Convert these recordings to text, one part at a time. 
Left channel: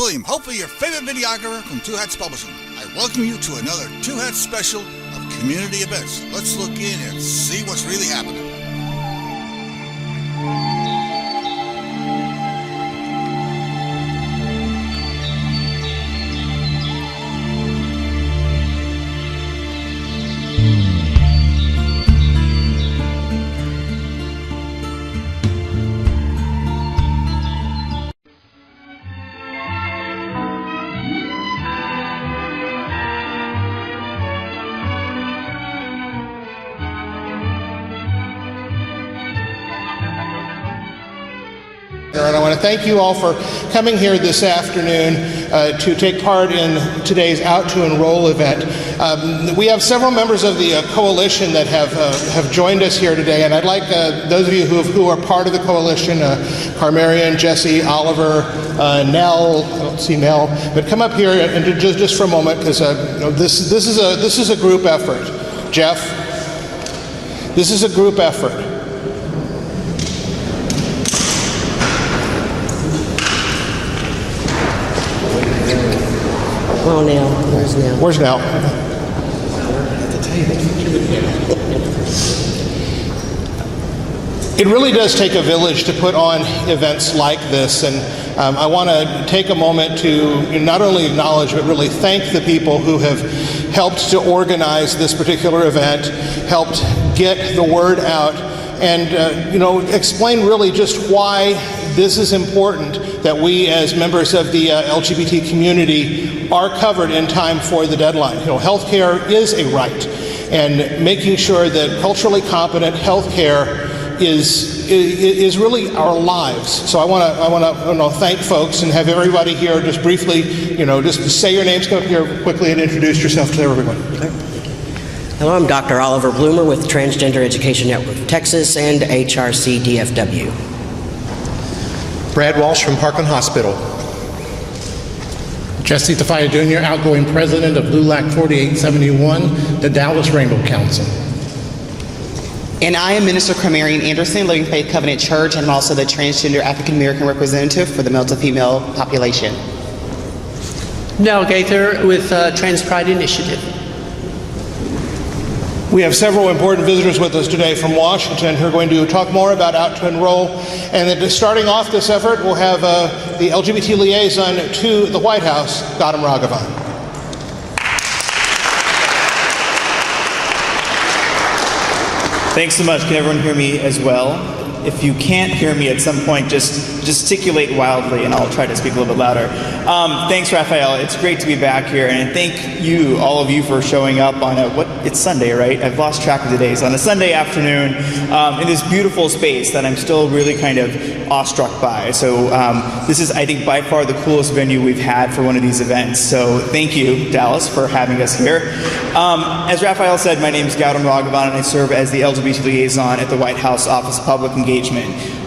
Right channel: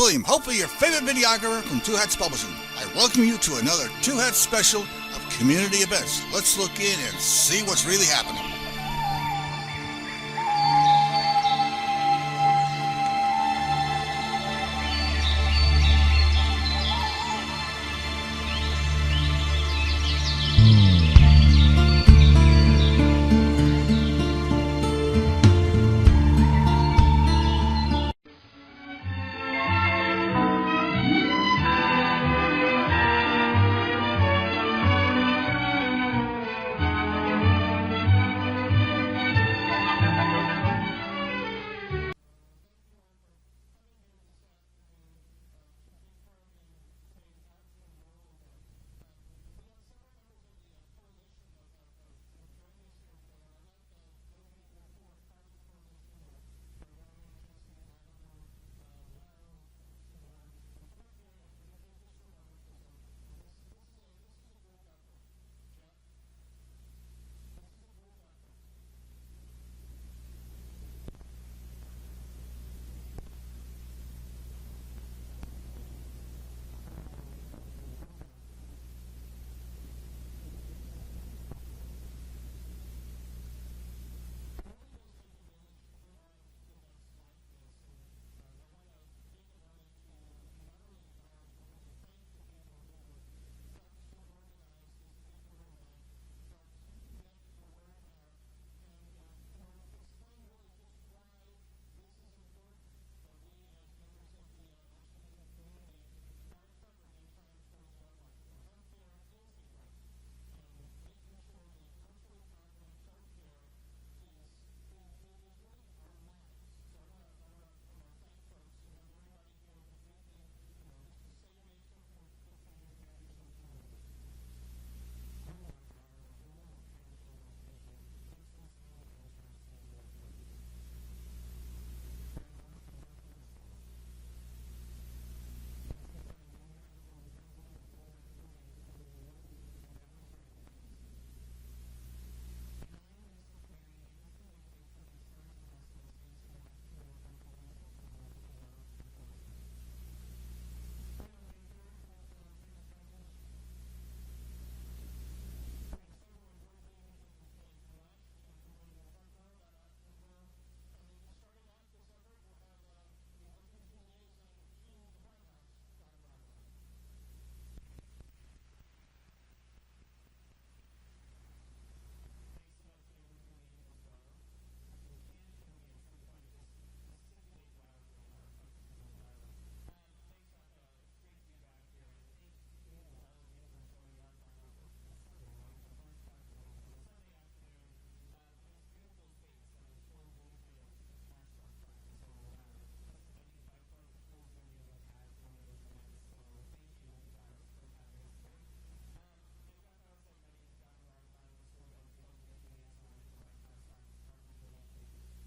William, hopefully your favorite videographer from Two Hats Publishing. I welcome you to another Two Hats special of community events. Let's look in and see what's really happening. And I want to thank you all for coming here this afternoon to take part in today's Out to Enroll event. We have several members of the coalition that have joined us here today, and I'd like those of you who are part of the coalition, Carmarian, Jesse, Oliver, Nell, I don't see Nell, but come up here and just for a moment, because this is a group effort. Jeff, this is a group effort. Oh, Nell. Where's Nell? Where's Nell? It really does take a village to put on events like this, and I want to take a moment to not only acknowledge but really thank the people who have helped to organize this particular event, helped get the word out, and explain really just why this is important that we as members of the LGBT community are covered in time for the deadline. Healthcare is a right, and making sure that culturally competent healthcare is really our lives. So I want to thank folks and have everybody here just briefly, just say your names, come up here quickly and introduce yourself to everyone. Hello, I'm Dr. Oliver Bloomer with Transgender Education Network of Texas and HRC DFW. Brad Walsh from Parkland Hospital. Jesse Tafaya Jr., outgoing president of LULAC 4871, the Dallas Rainbow Council. And I am Minister Carmarian Anderson, Living Faith Covenant Church, and I'm also the transgender African American representative for the male to female population. Nell Gaither with Trans Pride Initiative. We have several important visitors with us today from Washington who are going to talk more about Out to Enroll. And then starting off this effort, we'll have the LGBT liaison to the White House, Gautam Raghavan. Thanks so much. Can everyone hear me as well? If you can't hear me at some point, just gesticulate wildly and I'll try to speak a little bit louder. Thanks, Raphael. It's great to be back here, and thank you, all of you, for showing up on it's Sunday, right? I've lost track of the days. On a Sunday afternoon in this beautiful space that I'm still really kind of awestruck by. So this is, I think, by far the coolest venue we've had for one of these events. So thank you, Dallas, for having us here. As Raphael said, my name is Gautam Raghavan, and I serve as the LGBT liaison at the White House Office of Public Engagement.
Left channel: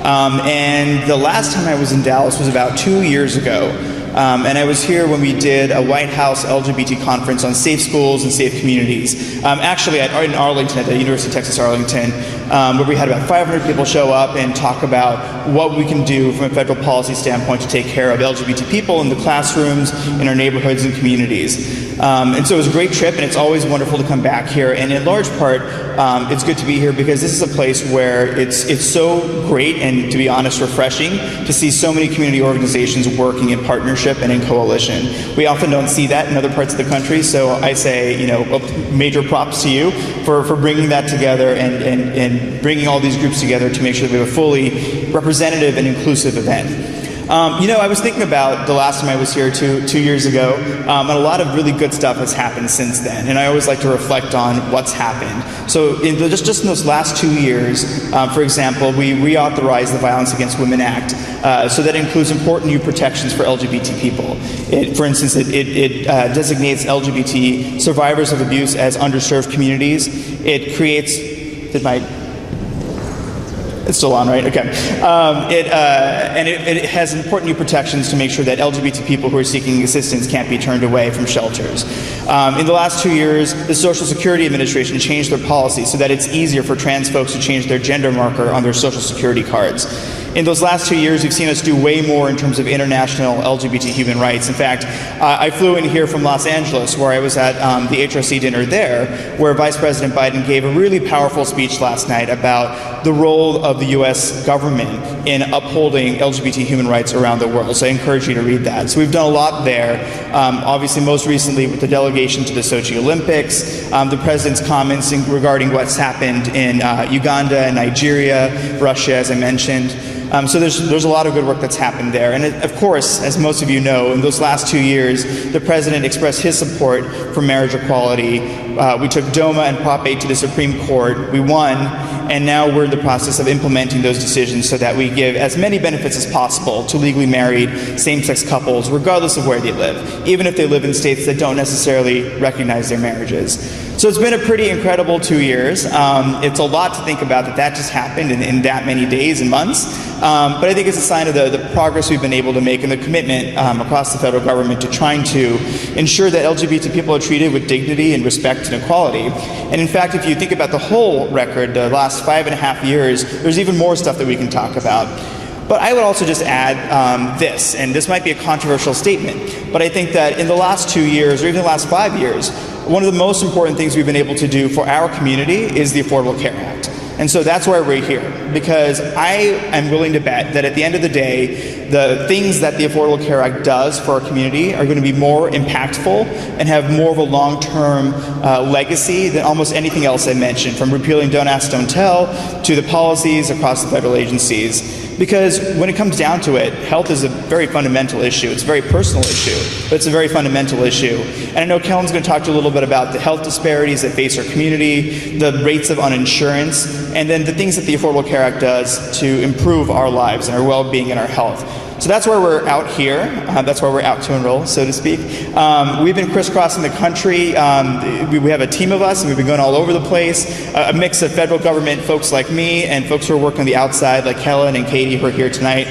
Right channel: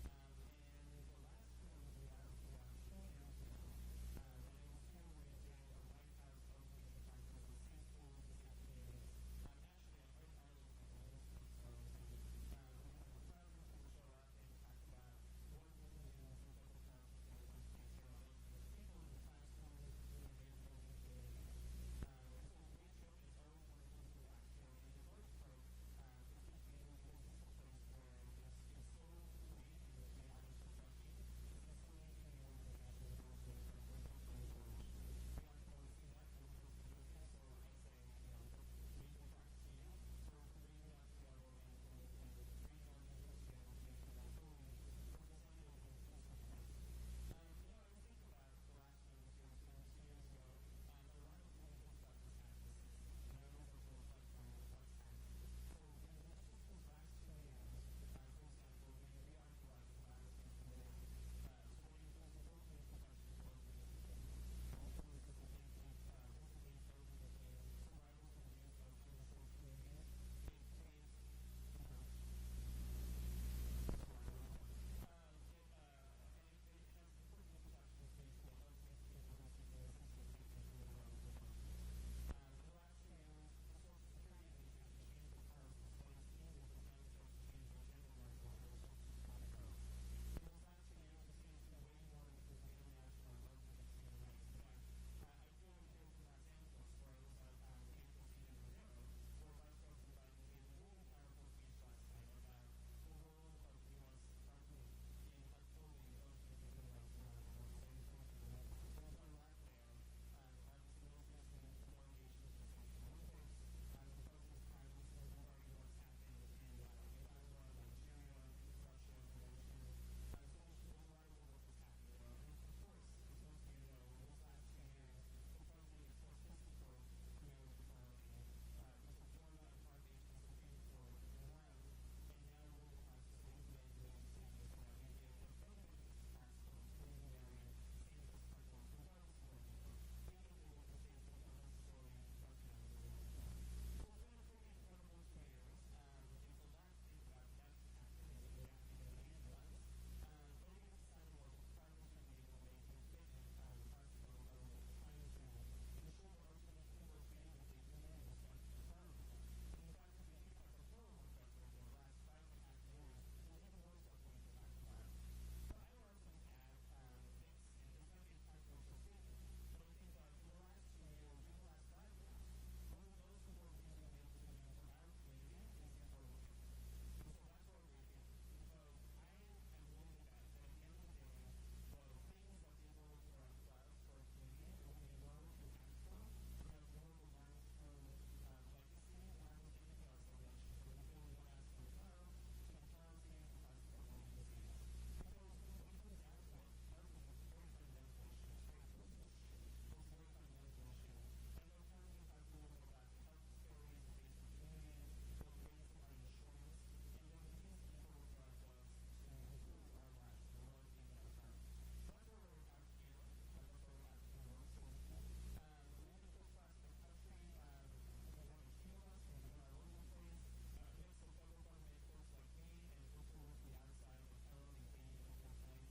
And the last time I was in Dallas was about 2 years ago. And I was here when we did a White House LGBT conference on safe schools and safe communities. Actually, in Arlington, at the University of Texas Arlington, where we had about 500 people show up and talk about what we can do from a federal policy standpoint to take care of LGBT people in the classrooms, in our neighborhoods and communities. And so it was a great trip, and it's always wonderful to come back here. And in large part, it's good to be here because this is a place where it's so great and, to be honest, refreshing to see so many community organizations working in partnership and in coalition. We often don't see that in other parts of the country, so I say, major props to you for bringing that together and bringing all these groups together to make sure that we have a fully representative and inclusive event. I was thinking about the last time I was here 2 years ago, and a lot of really good stuff has happened since then, and I always like to reflect on what's happened. So just in those last 2 years, for example, we reauthorized the Violence Against Women Act, so that includes important new protections for LGBT people. For instance, it designates LGBT survivors of abuse as underserved communities. It creates, it's still on, right? Okay. It has important new protections to make sure that LGBT people who are seeking assistance can't be turned away from shelters. In the last 2 years, the Social Security Administration changed their policy so that it's easier for trans folks to change their gender marker on their Social Security cards. In those last 2 years, you've seen us do way more in terms of international LGBT human rights. In fact, I flew in here from Los Angeles, where I was at the HRC dinner there, where Vice President Biden gave a really powerful speech last night about the role of the U.S. government in upholding LGBT human rights around the world. So I encourage you to read that. So we've done a lot there. Obviously, most recently with the delegation to the Sochi Olympics, the president's comments regarding what's happened in Uganda and Nigeria, Russia, as I mentioned. So there's a lot of good work that's happened there. And of course, as most of you know, in those last 2 years, the president expressed his support for marriage equality. We took DOMA and Prop 8 to the Supreme Court. We won, and now we're in the process of implementing those decisions so that we give as many benefits as possible to legally married same-sex couples, regardless of where they live, even if they live in states that don't necessarily recognize their marriages. So it's been a pretty incredible 2 years. It's a lot to think about that just happened in that many days and months. But I think it's a sign of the progress we've been able to make and the commitment across the federal government to trying to ensure that LGBT people are treated with dignity and respect and equality. And in fact, if you think about the whole record, the last 5.5 years, there's even more stuff that we can talk about. But I would also just add this, and this might be a controversial statement, but I think that in the last 2 years, or even the last 5 years, one of the most important things we've been able to do for our community is the Affordable Care Act. And so that's why we're here, because I am willing to bet that at the end of the day, the things that the Affordable Care Act does for our community are going to be more impactful and have more of a long-term legacy than almost anything else I mentioned, from repealing Don't Ask, Don't Tell to the policies across the federal agencies. Because when it comes down to it, health is a very fundamental issue. It's a very personal issue, but it's a very fundamental issue. And I know Kellen's going to talk to you a little bit about the health disparities that face our community, the rates of uninsurance, and then the things that the Affordable Care Act does to improve our lives and our well-being and our health. So that's why we're out here. That's why we're out to enroll, so to speak. We've been crisscrossing the country. We have a team of us, and we've been going all over the place. A mix of federal government folks like me and folks who are working on the outside, like Helen and Katie, who are here tonight.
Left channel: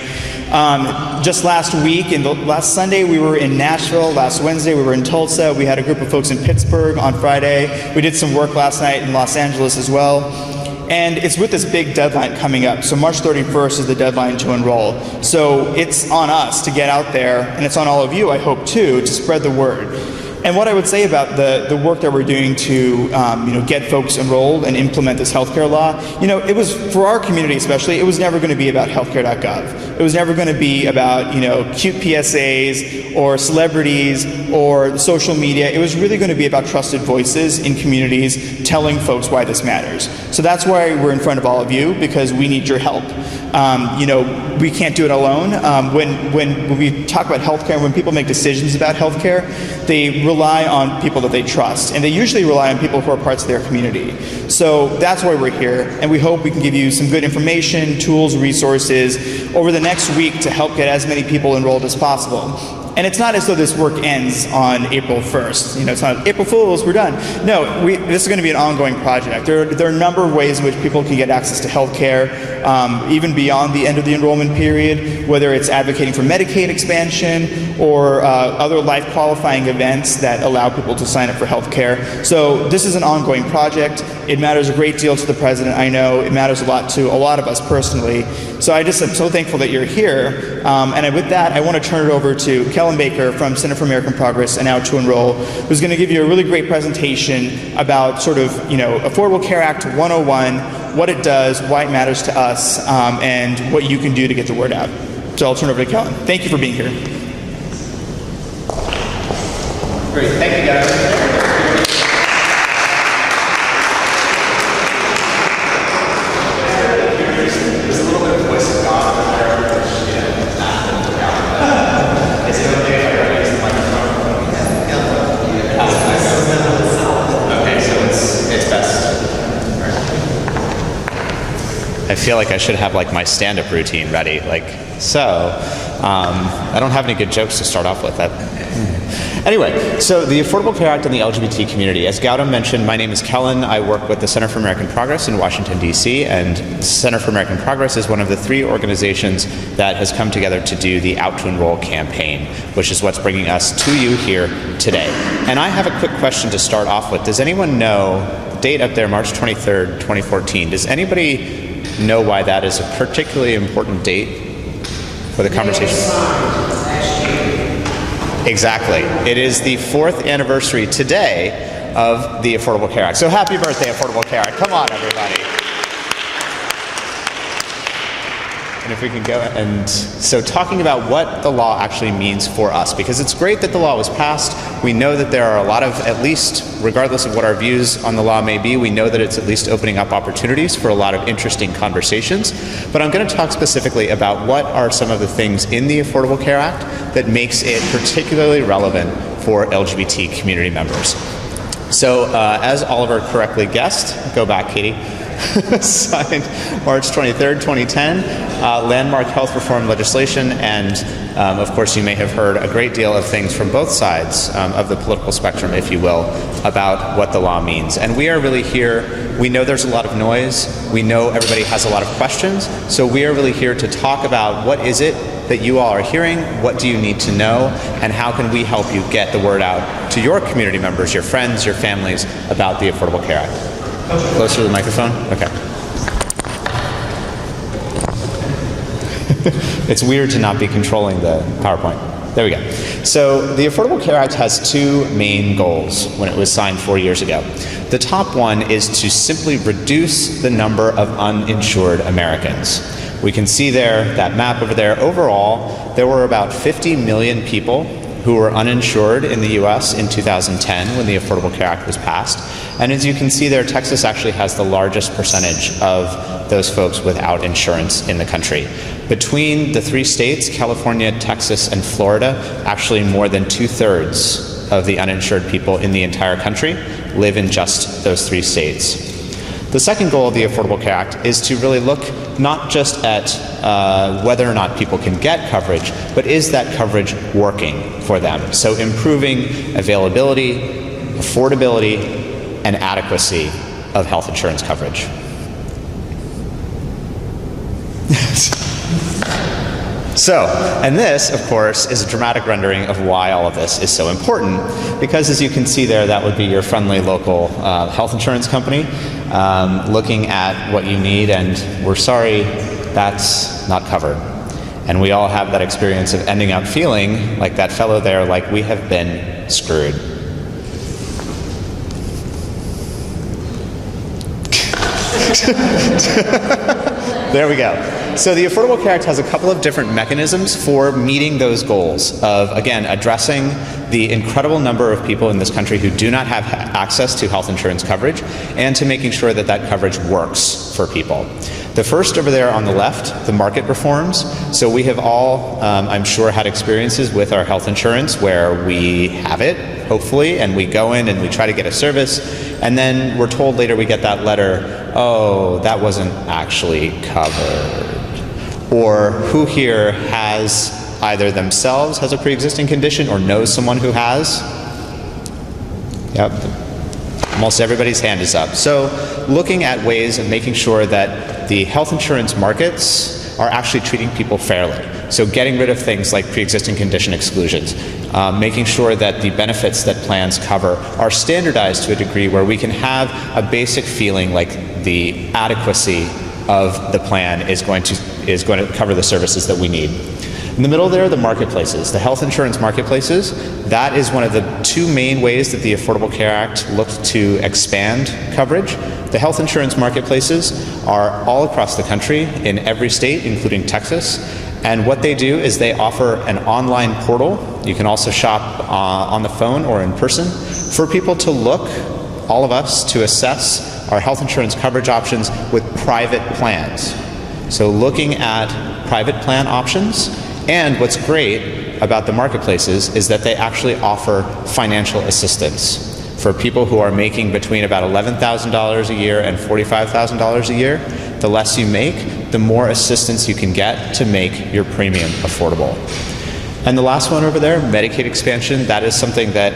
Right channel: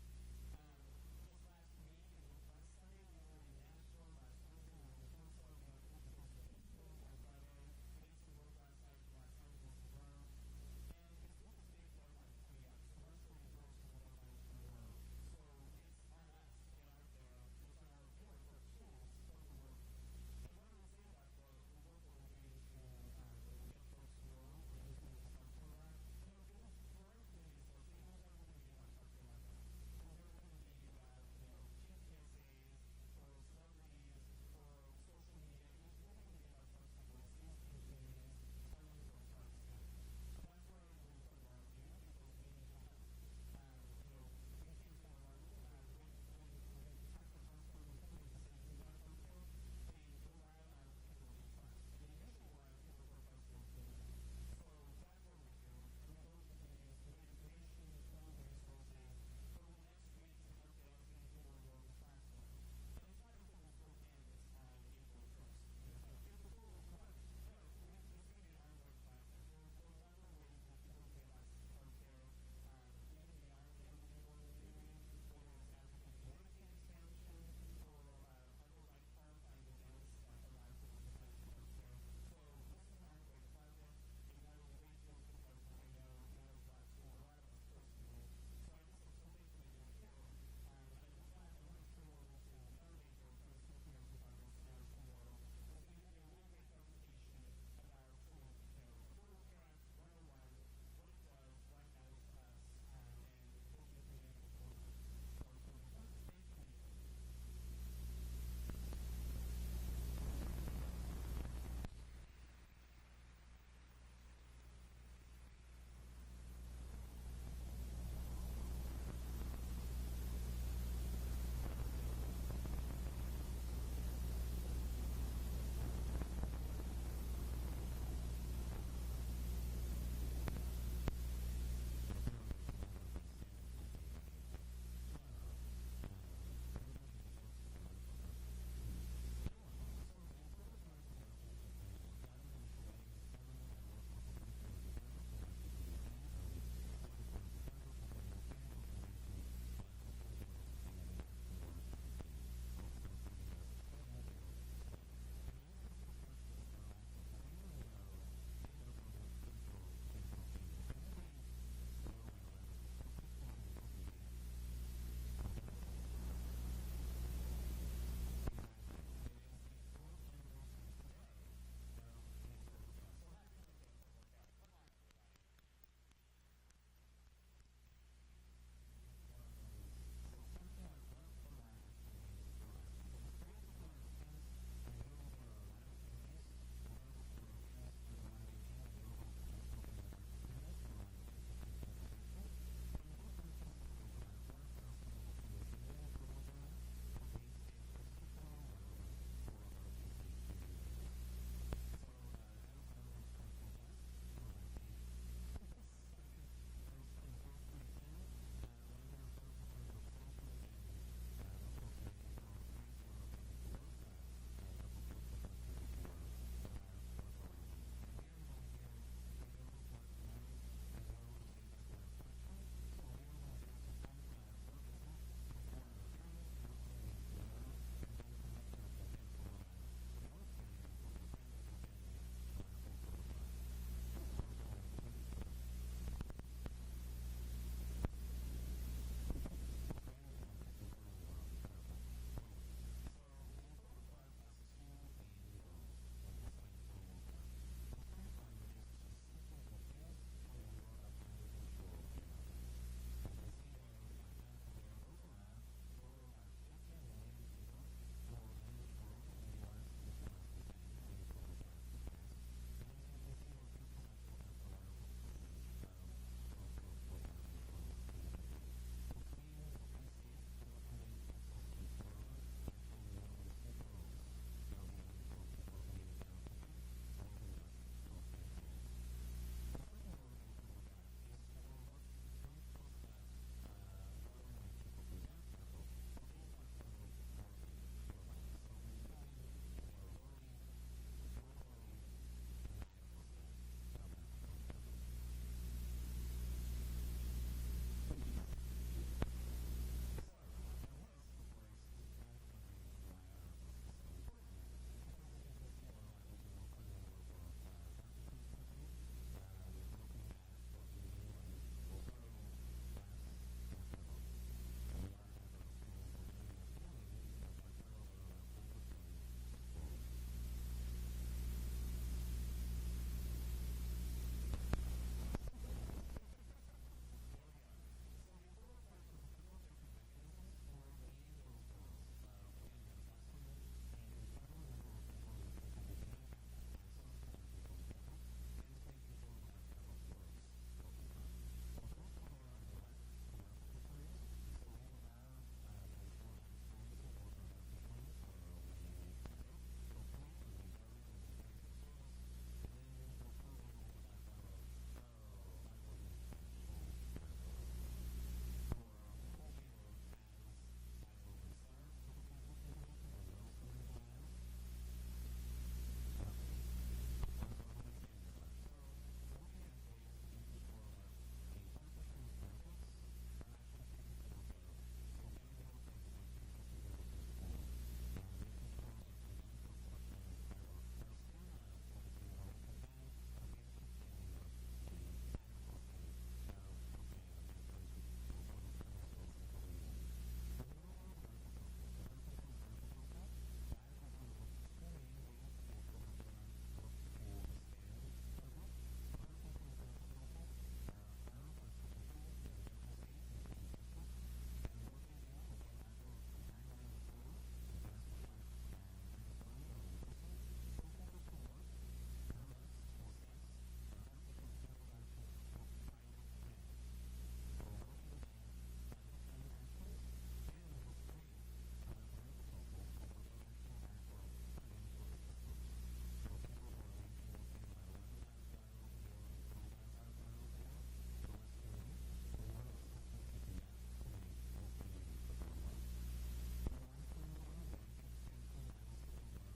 Just last week, last Sunday, we were in Nashville. Last Wednesday, we were in Tulsa. We had a group of folks in Pittsburgh on Friday. We did some work last night in Los Angeles as well. And it's with this big deadline coming up. So March 31st is the deadline to enroll. So it's on us to get out there, and it's on all of you, I hope, too, to spread the word. And what I would say about the work that we're doing to get folks enrolled and implement this healthcare law, it was, for our community especially, it was never going to be about healthcare.gov. It was never going to be about cute PSAs or celebrities or social media. It was really going to be about trusted voices in communities telling folks why this matters. So that's why we're in front of all of you, because we need your help. We can't do it alone. When we talk about healthcare, when people make decisions about healthcare, they rely on people that they trust, and they usually rely on people who are parts of their community. So that's why we're here, and we hope we can give you some good information, tools, resources over the next week to help get as many people enrolled as possible. And it's not as though this work ends on April 1st. It's not April Fools, we're done. No, this is going to be an ongoing project. There are a number of ways in which people can get access to health care, even beyond the end of the enrollment period, whether it's advocating for Medicaid expansion or other life qualifying events that allow people to sign up for health care. So this is an ongoing project. It matters a great deal to the president, I know. It matters a lot to a lot of us personally. So I just am so thankful that you're here. And with that, I want to turn it over to Kellen Baker from Center for American Progress and Out to Enroll, who's going to give you a really great presentation about sort of, Affordable Care Act 101, what it does, why it matters to us, and what you can do to get the word out. So I'll turn it over to Kellen. Thank you for being here. Great. Thank you, guys. I feel like I should have my stand-up routine ready. I don't have any good jokes to start off with. Anyway, so the Affordable Care Act and the LGBT community. As Gautam mentioned, my name is Kellen. I work with the Center for American Progress in Washington, D.C., and Center for American Progress is one of the 3 organizations that has come together to do the Out to Enroll campaign, which is what's bringing us to you here today. And I have a quick question to start off with. Does anyone know, date up there, March 23rd, 2014, does anybody know why that is a particularly important date for the conversation? Exactly. It is the 4th anniversary today of the Affordable Care Act. So happy birthday, Affordable Care Act. Come on, everybody. And if we can go, and so talking about what the law actually means for us, because it's great that the law was passed. We know that there are a lot of, at least regardless of what our views on the law may be, we know that it's at least opening up opportunities for a lot of interesting conversations. But I'm going to talk specifically about what are some of the things in the Affordable Care Act that makes it particularly relevant for LGBT community members. So as Oliver correctly guessed, go back, Katie, signed March 23rd, 2010, landmark health reform legislation, and of course you may have heard a great deal of things from both sides of the political spectrum, if you will, about what the law means. And we are really here, we know there's a lot of noise, we know everybody has a lot of questions, so we are really here to talk about what is it that you all are hearing, what do you need to know, and how can we help you get the word out to your community members, your friends, your families about the Affordable Care Act. Closer to the microphone? Okay. It's weird to not be controlling the PowerPoint. There we go. So the Affordable Care Act has 2 main goals when it was signed 4 years ago. The top one is to simply reduce the number of uninsured Americans. We can see there, that map over there. Overall, there were about 50 million people who were uninsured in the U.S. in 2010 when the Affordable Care Act was passed. And as you can see there, Texas actually has the largest percentage of those folks without insurance in the country. Between the 3 states, California, Texas, and Florida, actually more than 2/3 of the uninsured people in the entire country live in just those 3 states. The second goal of the Affordable Care Act is to really look not just at whether or not people can get coverage, but is that coverage working for them? So improving availability, affordability, and adequacy of health insurance coverage. So, and this, of course, is a dramatic rendering of why all of this is so important, because as you can see there, that would be your friendly local health insurance company looking at what you need, and we're sorry, that's not covered. And we all have that experience of ending up feeling like that fellow there, like we have been screwed. There we go. So the Affordable Care Act has a couple of different mechanisms for meeting those goals of, again, addressing the incredible number of people in this country who do not have access to health insurance coverage, and to making sure that that coverage works for people. The first over there on the left, the market reforms. So we have all, I'm sure, had experiences with our health insurance where we have it, hopefully, and we go in and we try to get a service, and then we're told later we get that letter, oh, that wasn't actually covered. Or who here has either themselves has a pre-existing condition or knows someone who has? Yep. Almost everybody's hand is up. So looking at ways of making sure that the health insurance markets are actually treating people fairly. So getting rid of things like pre-existing condition exclusions, making sure that the benefits that plans cover are standardized to a degree where we can have a basic feeling like the adequacy of the plan is going to cover the services that we need. In the middle there, the marketplaces, the health insurance marketplaces. That is one of the 2 main ways that the Affordable Care Act looked to expand coverage. The health insurance marketplaces are all across the country in every state, including Texas. And what they do is they offer an online portal. You can also shop on the phone or in person for people to look, all of us, to assess our health insurance coverage options with private plans. So looking at private plan options. And what's great about the marketplaces is that they actually offer financial assistance for people who are making between about $11,000 a year and $45,000 a year. The less you make, the more assistance you can get to make your premium affordable. And the last one over there, Medicaid expansion, that is something that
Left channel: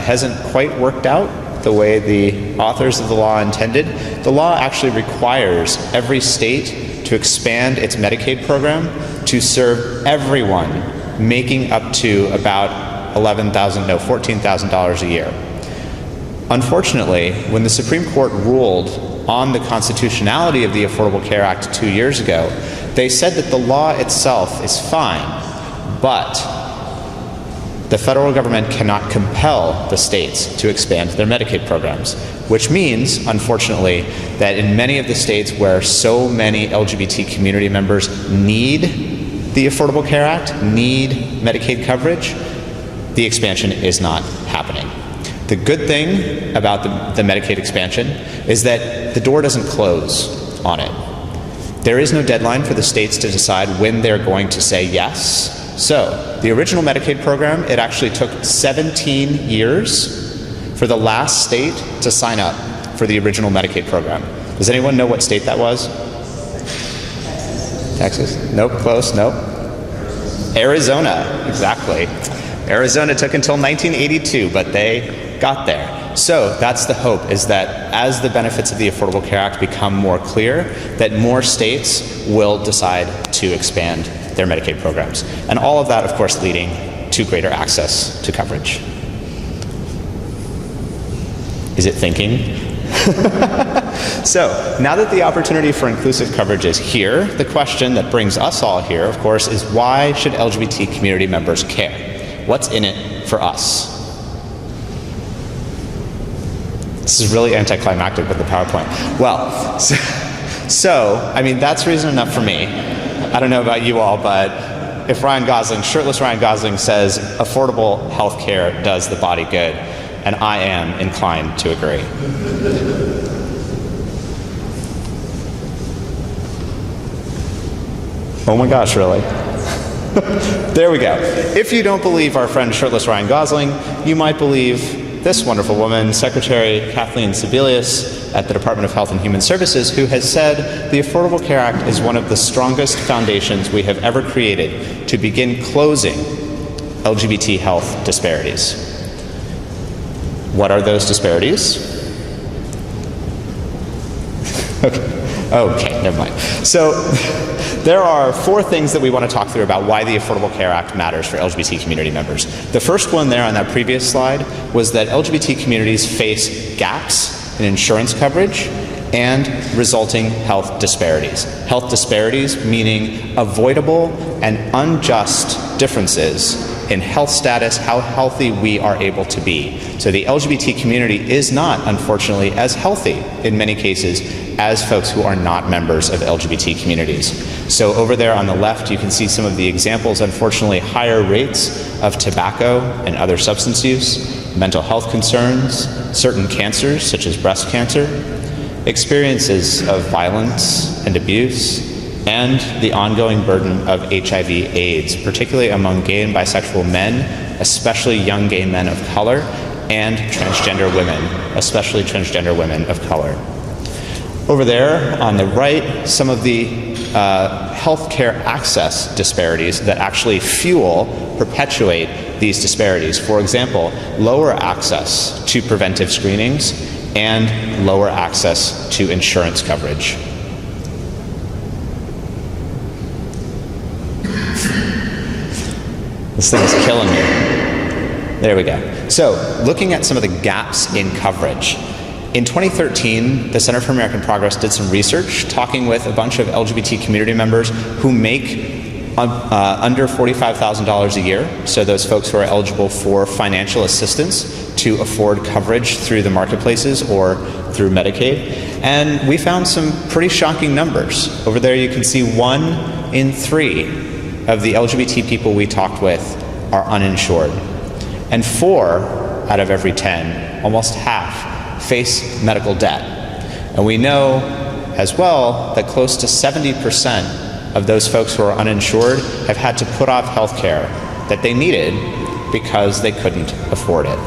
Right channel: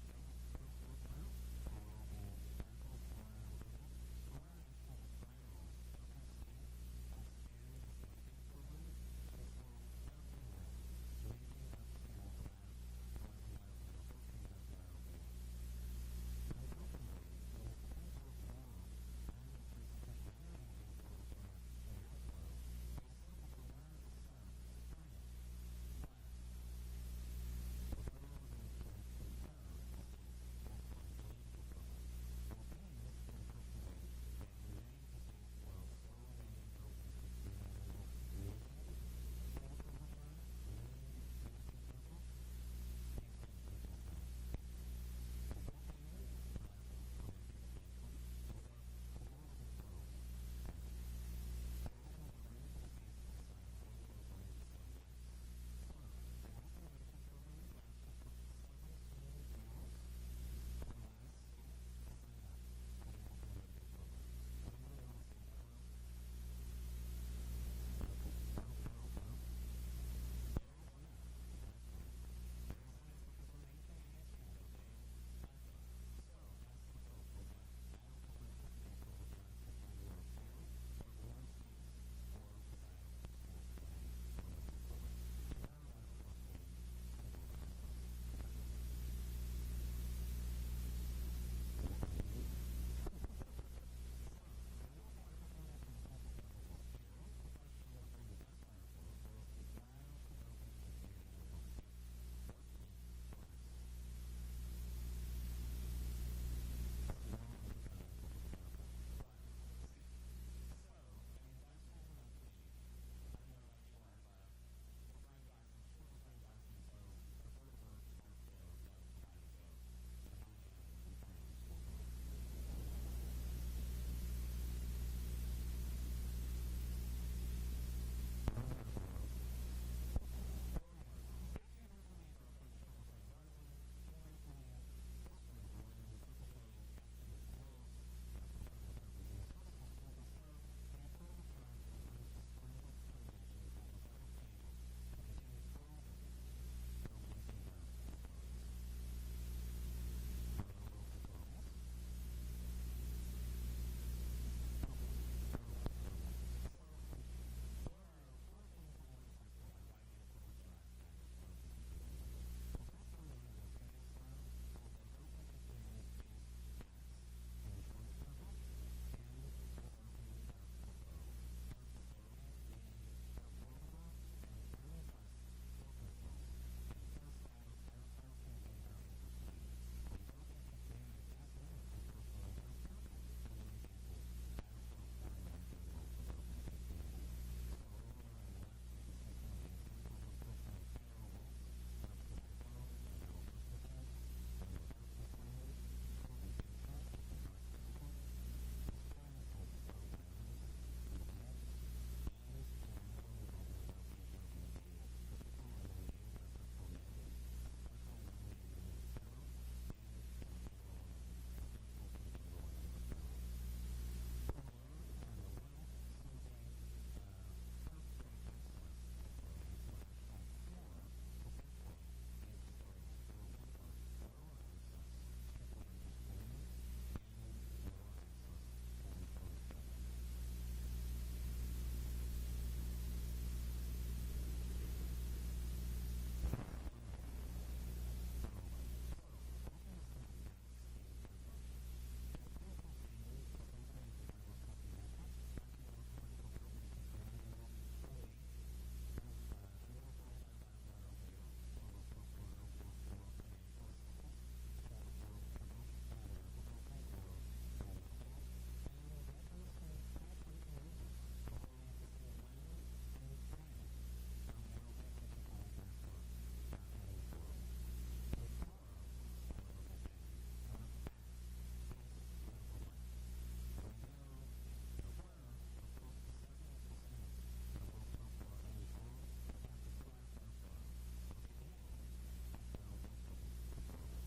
hasn't quite worked out the way the authors of the law intended. The law actually requires every state to expand its Medicaid program to serve everyone making up to about $14,000 a year. Unfortunately, when the Supreme Court ruled on the constitutionality of the Affordable Care Act 2 years ago, they said that the law itself is fine, but the federal government cannot compel the states to expand their Medicaid programs, which means, unfortunately, that in many of the states where so many LGBT community members need the Affordable Care Act, need Medicaid coverage, the expansion is not happening. The good thing about the Medicaid expansion is that the door doesn't close on it. There is no deadline for the states to decide when they're going to say yes. So the original Medicaid program, it actually took 17 years for the last state to sign up for the original Medicaid program. Does anyone know what state that was? Texas? Nope, close, nope. Arizona, exactly. Arizona took until 1982, but they got there. So that's the hope, is that as the benefits of the Affordable Care Act become more clear, that more states will decide to expand their Medicaid programs. And all of that, of course, leading to greater access to coverage. Is it thinking? So, now that the opportunity for inclusive coverage is here, the question that brings us all here, of course, is why should LGBT community members care? What's in it for us? This is really anticlimactic with the PowerPoint. Well, so I mean, that's reason enough for me. I don't know about you all, but if Ryan Gosling, shirtless Ryan Gosling, says affordable health care does the body good, and I am inclined to agree. Oh my gosh, really? There we go. If you don't believe our friend shirtless Ryan Gosling, you might believe this wonderful woman, Secretary Kathleen Sebelius at the Department of Health and Human Services, who has said the Affordable Care Act is one of the strongest foundations we have ever created to begin closing LGBT health disparities. What are those disparities? Okay, never mind. So there are 4 things that we want to talk through about why the Affordable Care Act matters for LGBT community members. The first one there on that previous slide was that LGBT communities face gaps in insurance coverage and resulting health disparities. Health disparities meaning avoidable and unjust differences in health status, how healthy we are able to be. So the LGBT community is not, unfortunately, as healthy in many cases as folks who are not members of LGBT communities. So over there on the left, you can see some of the examples, unfortunately, higher rates of tobacco and other substance use, mental health concerns, certain cancers such as breast cancer, experiences of violence and abuse, and the ongoing burden of HIV/AIDS, particularly among gay and bisexual men, especially young gay men of color, and transgender women, especially transgender women of color. Over there on the right, some of the healthcare access disparities that actually fuel, perpetuate these disparities. For example, lower access to preventive screenings and lower access to insurance coverage. This thing is killing me. There we go. So, looking at some of the gaps in coverage. In 2013, the Center for American Progress did some research talking with a bunch of LGBT community members who make under $45,000 a year, so those folks who are eligible for financial assistance to afford coverage through the marketplaces or through Medicaid. And we found some pretty shocking numbers. Over there you can see 1 in 3 of the LGBT people we talked with are uninsured. And 4 out of every 10, almost half, face medical debt. And we know as well that close to 70% of those folks who are uninsured have had to put off health care that they needed because they couldn't afford it.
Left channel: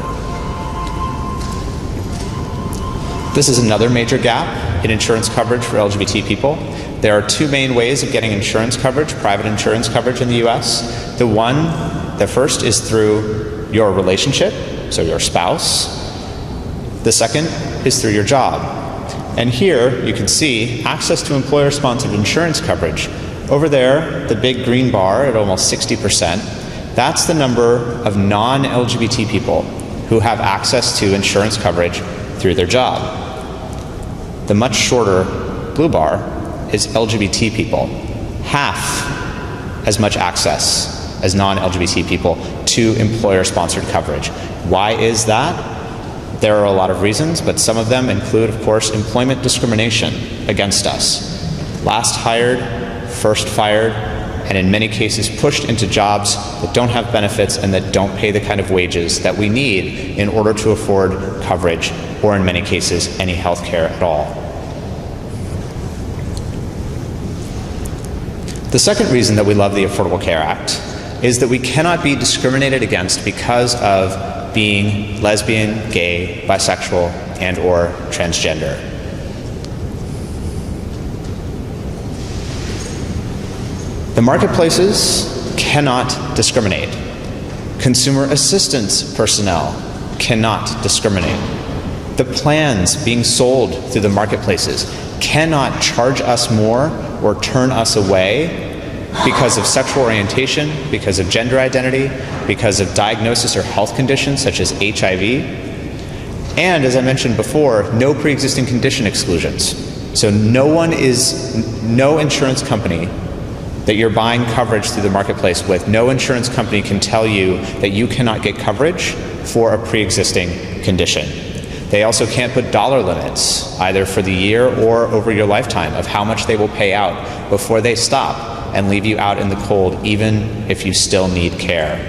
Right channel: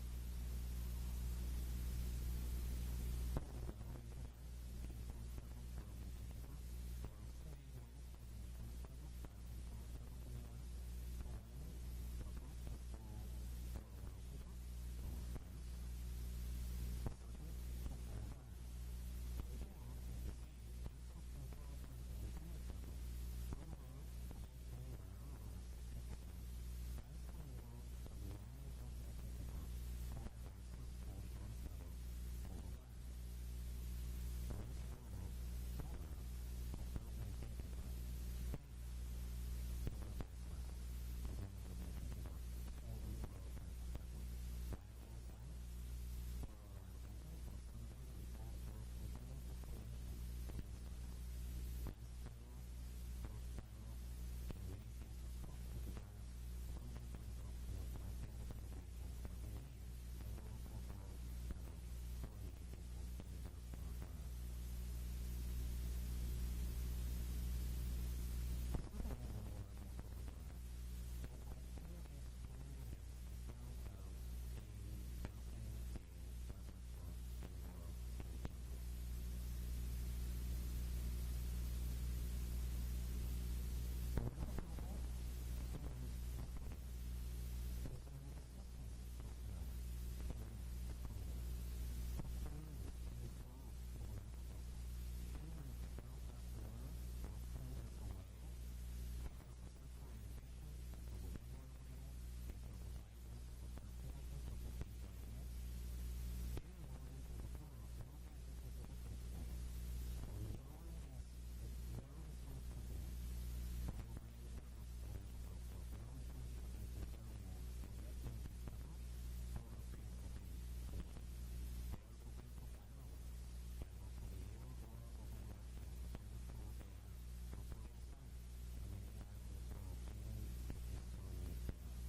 This is another major gap in insurance coverage for LGBT people. There are 2 main ways of getting insurance coverage, private insurance coverage in the US. The first is through your relationship, so your spouse. The second is through your job. And here you can see access to employer-sponsored insurance coverage. Over there, the big green bar at almost 60%, that's the number of non-LGBT people who have access to insurance coverage through their job. The much shorter blue bar is LGBT people. Half as much access as non-LGBT people to employer-sponsored coverage. Why is that? There are a lot of reasons, but some of them include, of course, employment discrimination against us. Last hired, first fired, and in many cases pushed into jobs that don't have benefits and that don't pay the kind of wages that we need in order to afford coverage, or in many cases, any health care at all. The second reason that we love the Affordable Care Act is that we cannot be discriminated against because of being lesbian, gay, bisexual, and or transgender. The marketplaces cannot discriminate. Consumer assistance personnel cannot discriminate. The plans being sold through the marketplaces cannot charge us more or turn us away because of sexual orientation, because of gender identity, because of diagnosis or health conditions such as HIV. And as I mentioned before, no pre-existing condition exclusions. So no insurance company that you're buying coverage through the marketplace with, no insurance company can tell you that you cannot get coverage for a pre-existing condition. They also can't put dollar limits, either for the year or over your lifetime, of how much they will pay out before they stop and leave you out in the cold, even if you still need care.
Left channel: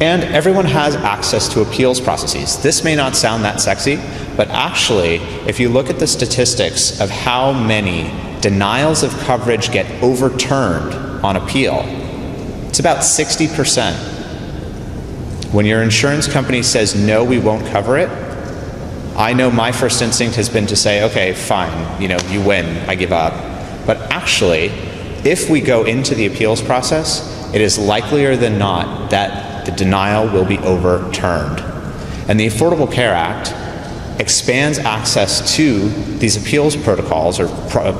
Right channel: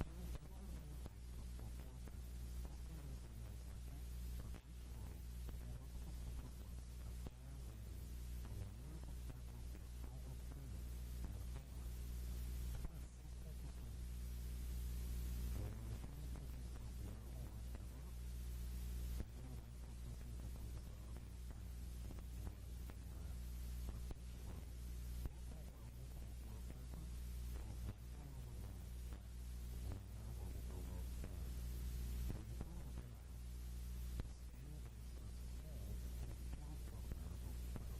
And everyone has access to appeals processes. This may not sound that sexy, but actually, if you look at the statistics of how many denials of coverage get overturned on appeal, it's about 60%. When your insurance company says, no, we won't cover it, I know my first instinct has been to say, okay, fine, you win, I give up. But actually, if we go into the appeals process, it is likelier than not that the denial will be overturned. And the Affordable Care Act expands access to these appeals protocols or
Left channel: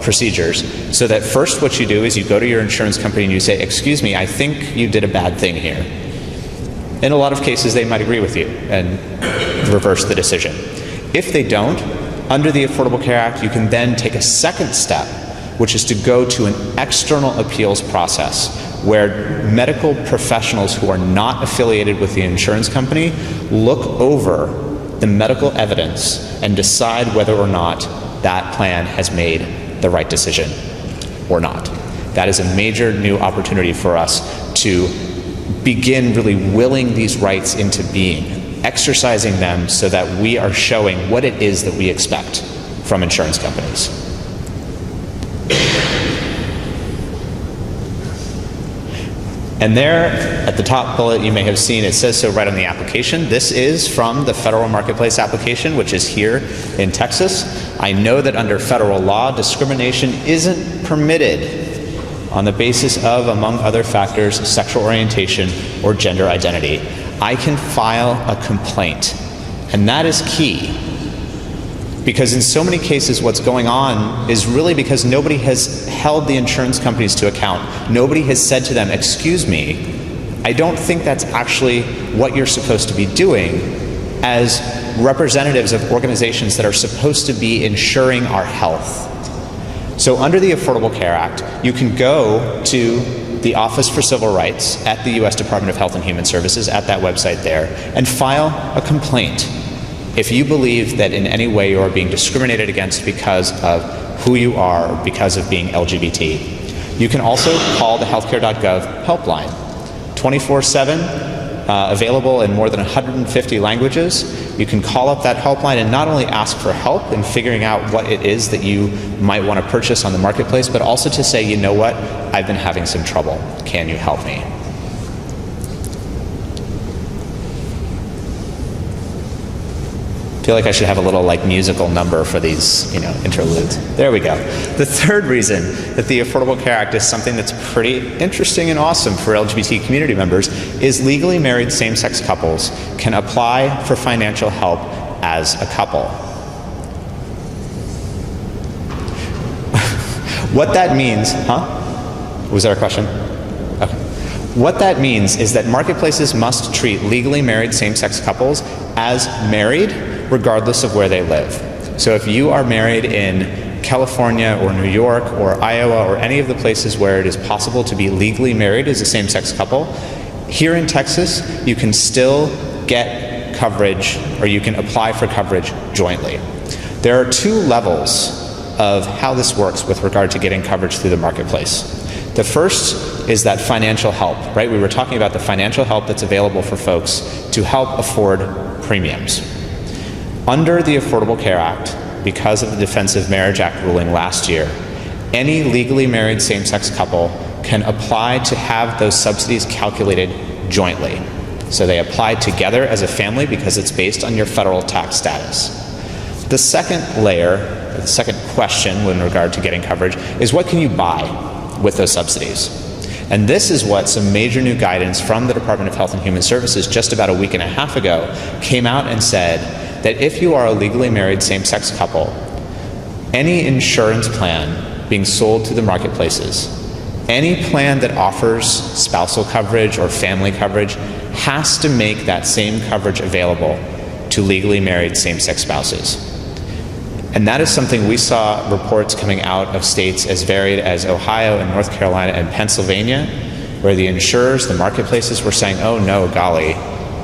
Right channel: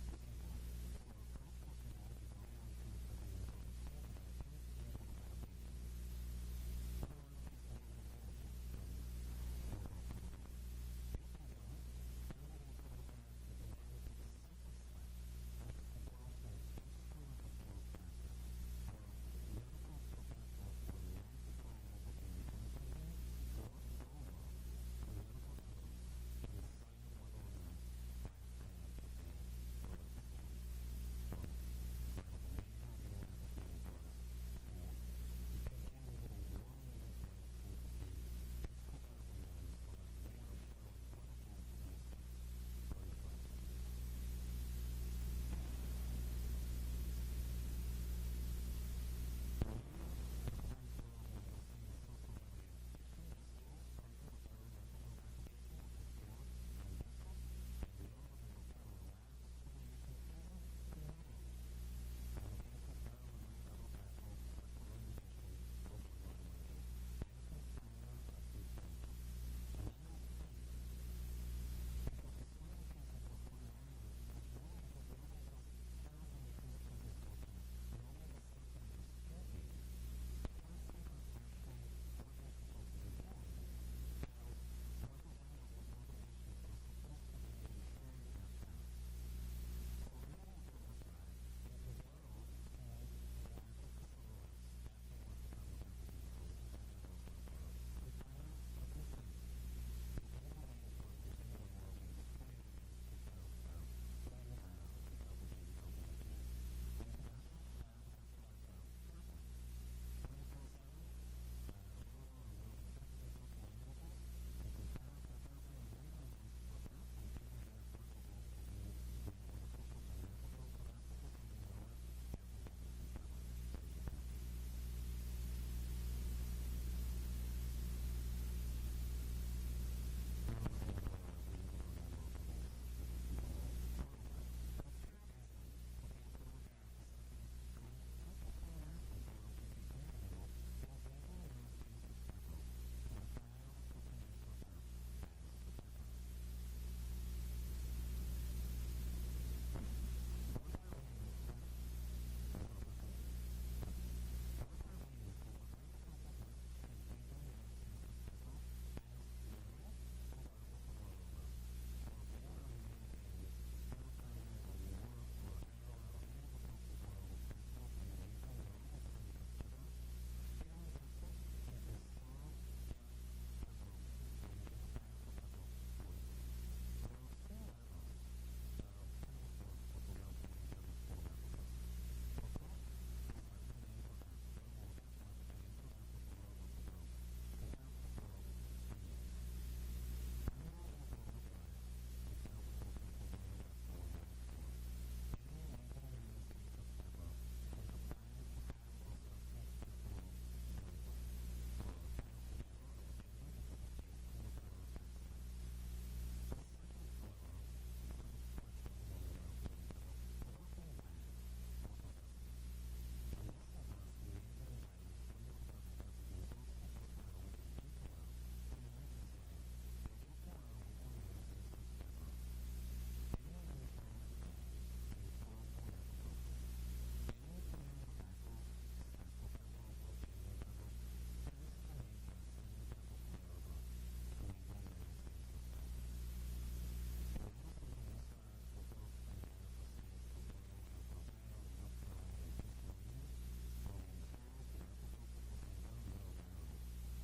procedures, so that first what you do is you go to your insurance company and you say, excuse me, I think you did a bad thing here. In a lot of cases, they might agree with you and reverse the decision. If they don't, under the Affordable Care Act, you can then take a second step, which is to go to an external appeals process where medical professionals who are not affiliated with the insurance company look over the medical evidence and decide whether or not that plan has made the right decision or not. That is a major new opportunity for us to begin really willing these rights into being, exercising them so that we are showing what it is that we expect from insurance companies. And there, at the top bullet, you may have seen, it says so right on the application. This is from the federal marketplace application, which is here in Texas. I know that under federal law, discrimination isn't permitted on the basis of, among other factors, sexual orientation or gender identity. I can file a complaint, and that is key. Because in so many cases, what's going on is really because nobody has held the insurance companies to account. Nobody has said to them, excuse me, I don't think that's actually what you're supposed to be doing as representatives of organizations that are supposed to be ensuring our health. So under the Affordable Care Act, you can go to the Office for Civil Rights at the U.S. Department of Health and Human Services, at that website there, and file a complaint if you believe that in any way you are being discriminated against because of who you are or because of being LGBT. You can also call the healthcare.gov helpline, 24/7, available in more than 150 languages. You can call up that helpline and not only ask for help in figuring out what it is that you might want to purchase on the marketplace, but also to say, you know what, I've been having some trouble. Can you help me? I feel like I should have a little musical number for these, interludes. There we go. The third reason that the Affordable Care Act is something that's pretty interesting and awesome for LGBT community members is legally married same-sex couples can apply for financial help as a couple. What that means, Was there a question? Okay. What that means is that marketplaces must treat legally married same-sex couples as married regardless of where they live. So if you are married in California or New York or Iowa or any of the places where it is possible to be legally married as a same-sex couple, here in Texas, you can still get coverage, or you can apply for coverage jointly. There are two levels of how this works with regard to getting coverage through the marketplace. The first is that financial help, right? We were talking about the financial help that's available for folks to help afford premiums. Under the Affordable Care Act, because of the Defense of Marriage Act ruling last year, any legally married same-sex couple can apply to have those subsidies calculated jointly. So they apply together as a family because it's based on your federal tax status. The second layer, the second question in regard to getting coverage, is what can you buy with those subsidies? And this is what some major new guidance from the Department of Health and Human Services just about a week and a half ago came out and said that if you are a legally married same-sex couple, any insurance plan being sold through the marketplaces, any plan that offers spousal coverage or family coverage has to make that same coverage available to legally married same-sex spouses. And that is something we saw reports coming out of states as varied as Ohio and North Carolina and Pennsylvania, where the insurers, the marketplaces were saying, oh no, golly,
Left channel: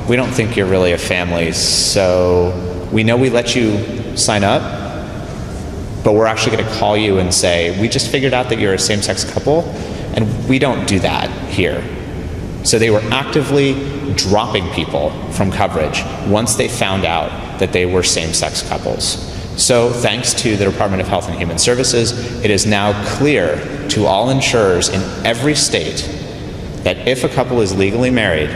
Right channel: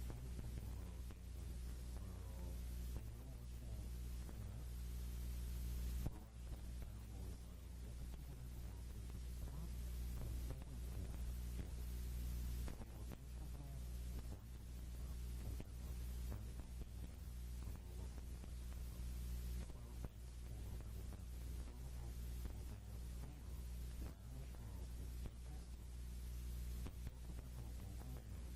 we don't think you're really a family, so we know we let you sign up, but we're actually going to call you and say, we just figured out that you're a same-sex couple, and we don't do that here. So they were actively dropping people from coverage once they found out that they were same-sex couples. So thanks to the Department of Health and Human Services, it is now clear to all insurers in every state that if a couple is legally married,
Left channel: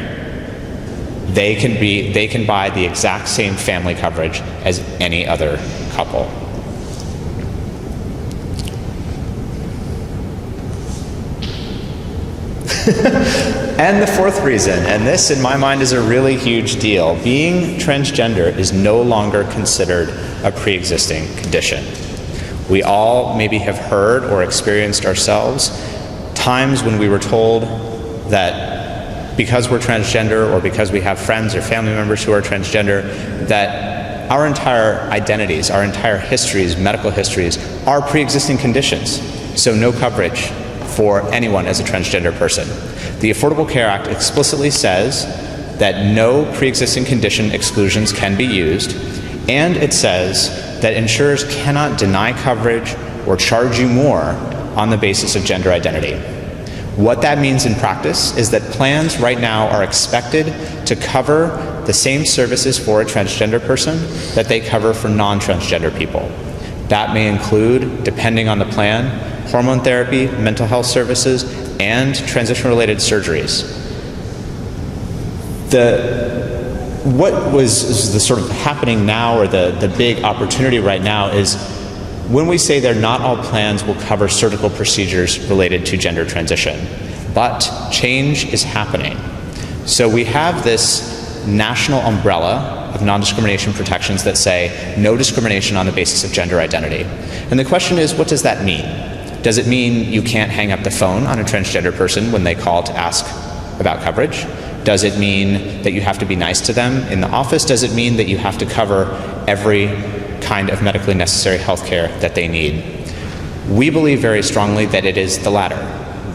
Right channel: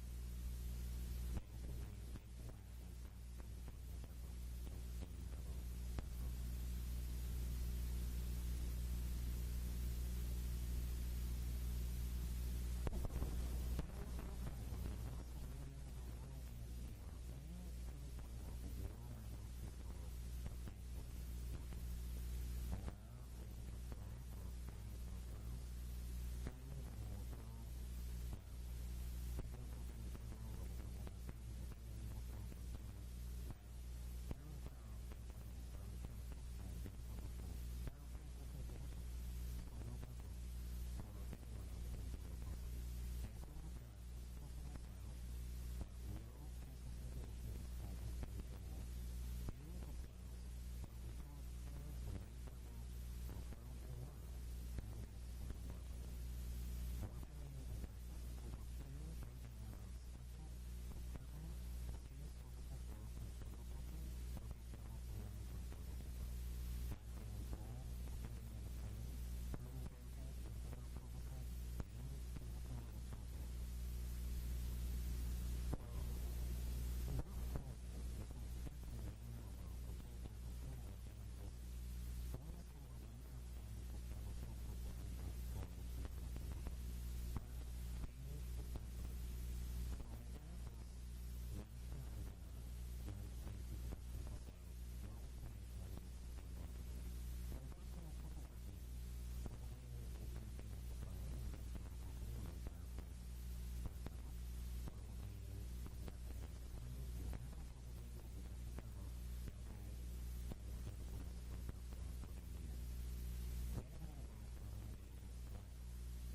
they can buy the exact same family coverage as any other couple. And the fourth reason, and this in my mind is a really huge deal, being transgender is no longer considered a pre-existing condition. We all maybe have heard or experienced ourselves times when we were told that because we're transgender or because we have friends or family members who are transgender, that our entire identities, our entire histories, medical histories, are pre-existing conditions, so no coverage for anyone as a transgender person. The Affordable Care Act explicitly says that no pre-existing condition exclusions can be used, and it says that insurers cannot deny coverage or charge you more on the basis of gender identity. What that means in practice is that plans right now are expected to cover the same services for a transgender person that they cover for non-transgender people. That may include, depending on the plan, hormone therapy, mental health services, and transition-related surgeries. What was the sort of happening now, or the big opportunity right now, is when we say that not all plans will cover surgical procedures related to gender transition, but change is happening. So we have this national umbrella of non-discrimination protections that say no discrimination on the basis of gender identity. And the question is, what does that mean? Does it mean you can't hang up the phone on a transgender person when they call to ask about coverage? Does it mean that you have to be nice to them in the office? Does it mean that you have to cover every kind of medically necessary health care that they need? We believe very strongly that it is the latter,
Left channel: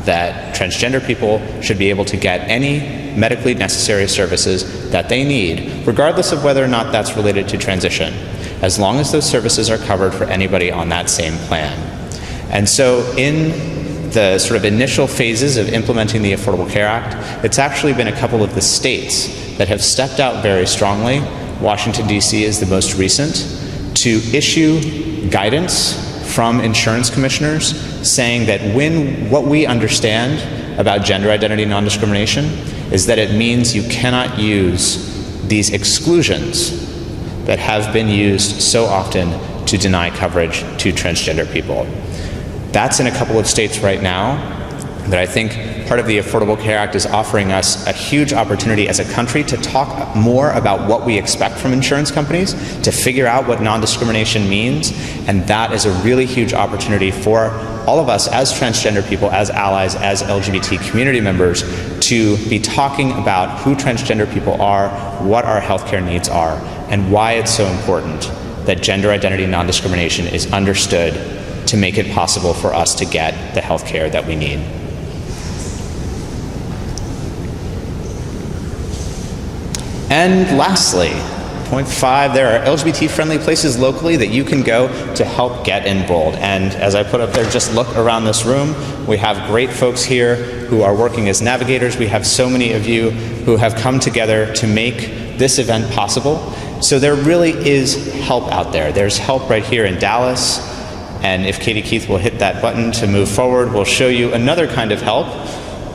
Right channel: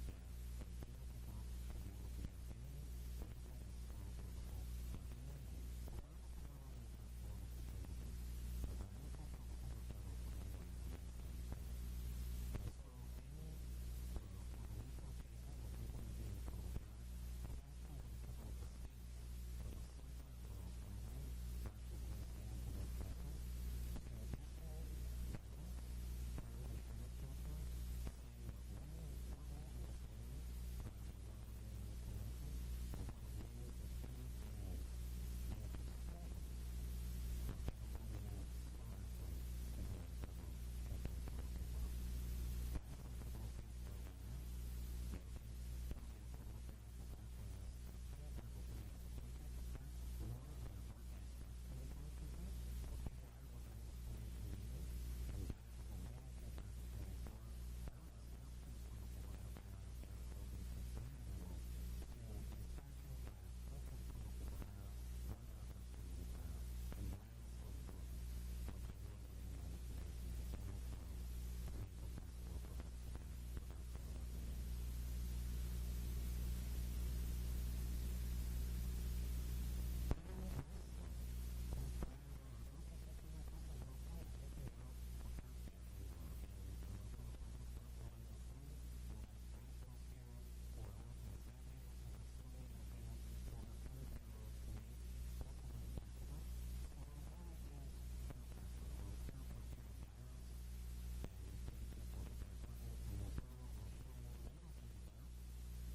that transgender people should be able to get any medically necessary services that they need, regardless of whether or not that's related to transition, as long as those services are covered for anybody on that same plan. And so in the sort of initial phases of implementing the Affordable Care Act, it's actually been a couple of the states that have stepped out very strongly. Washington, D.C. is the most recent, to issue guidance from insurance commissioners saying that what we understand about gender identity non-discrimination is that it means you cannot use these exclusions that have been used so often to deny coverage to transgender people. That's in a couple of states right now, but I think part of the Affordable Care Act is offering us a huge opportunity as a country to talk more about what we expect from insurance companies, to figure out what non-discrimination means, and that is a really huge opportunity for all of us as transgender people, as allies, as LGBT community members, to be talking about who transgender people are, what our healthcare needs are, and why it's so important that gender identity non-discrimination is understood to make it possible for us to get the health care that we need. And lastly, point 5, there are LGBT-friendly places locally that you can go to help get enrolled. And as I put up there, just look around this room. We have great folks here who are working as navigators. We have so many of you who have come together to make this event possible. So there really is help out there. There's help right here in Dallas. And if Katie Keith will hit that button to move forward, we'll show you another kind of help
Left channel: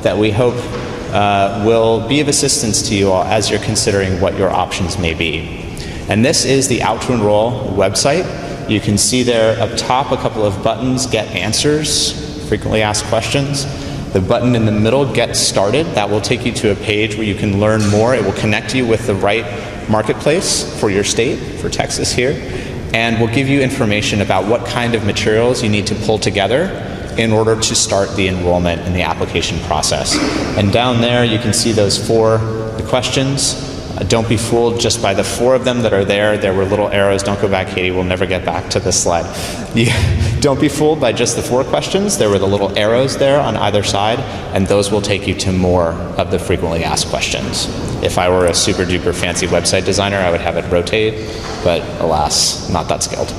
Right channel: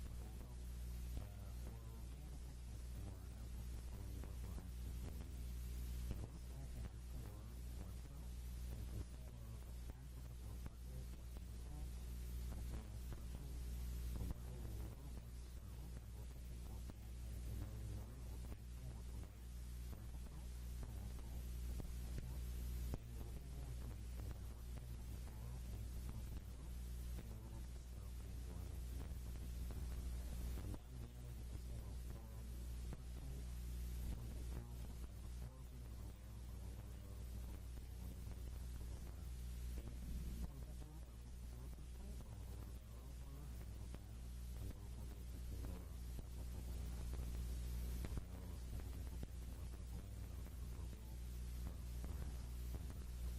that we hope will be of assistance to you all as you're considering what your options may be. And this is the Out to Enroll website. You can see there up top a couple of buttons, Get Answers, Frequently Asked Questions. The button in the middle, Get Started, that will take you to a page where you can learn more. It will connect you with the right marketplace for your state, for Texas here, and will give you information about what kind of materials you need to pull together in order to start the enrollment and the application process. And down there you can see those 4 questions. Don't be fooled just by the 4 of them that are there. There were little arrows. Don't go back, Katie. We'll never get back to this slide. Don't be fooled by just the 4 questions. There were the little arrows there on either side, and those will take you to more of the frequently asked questions. If I were a super duper fancy website designer, I would have it rotate, but alas, not that skilled.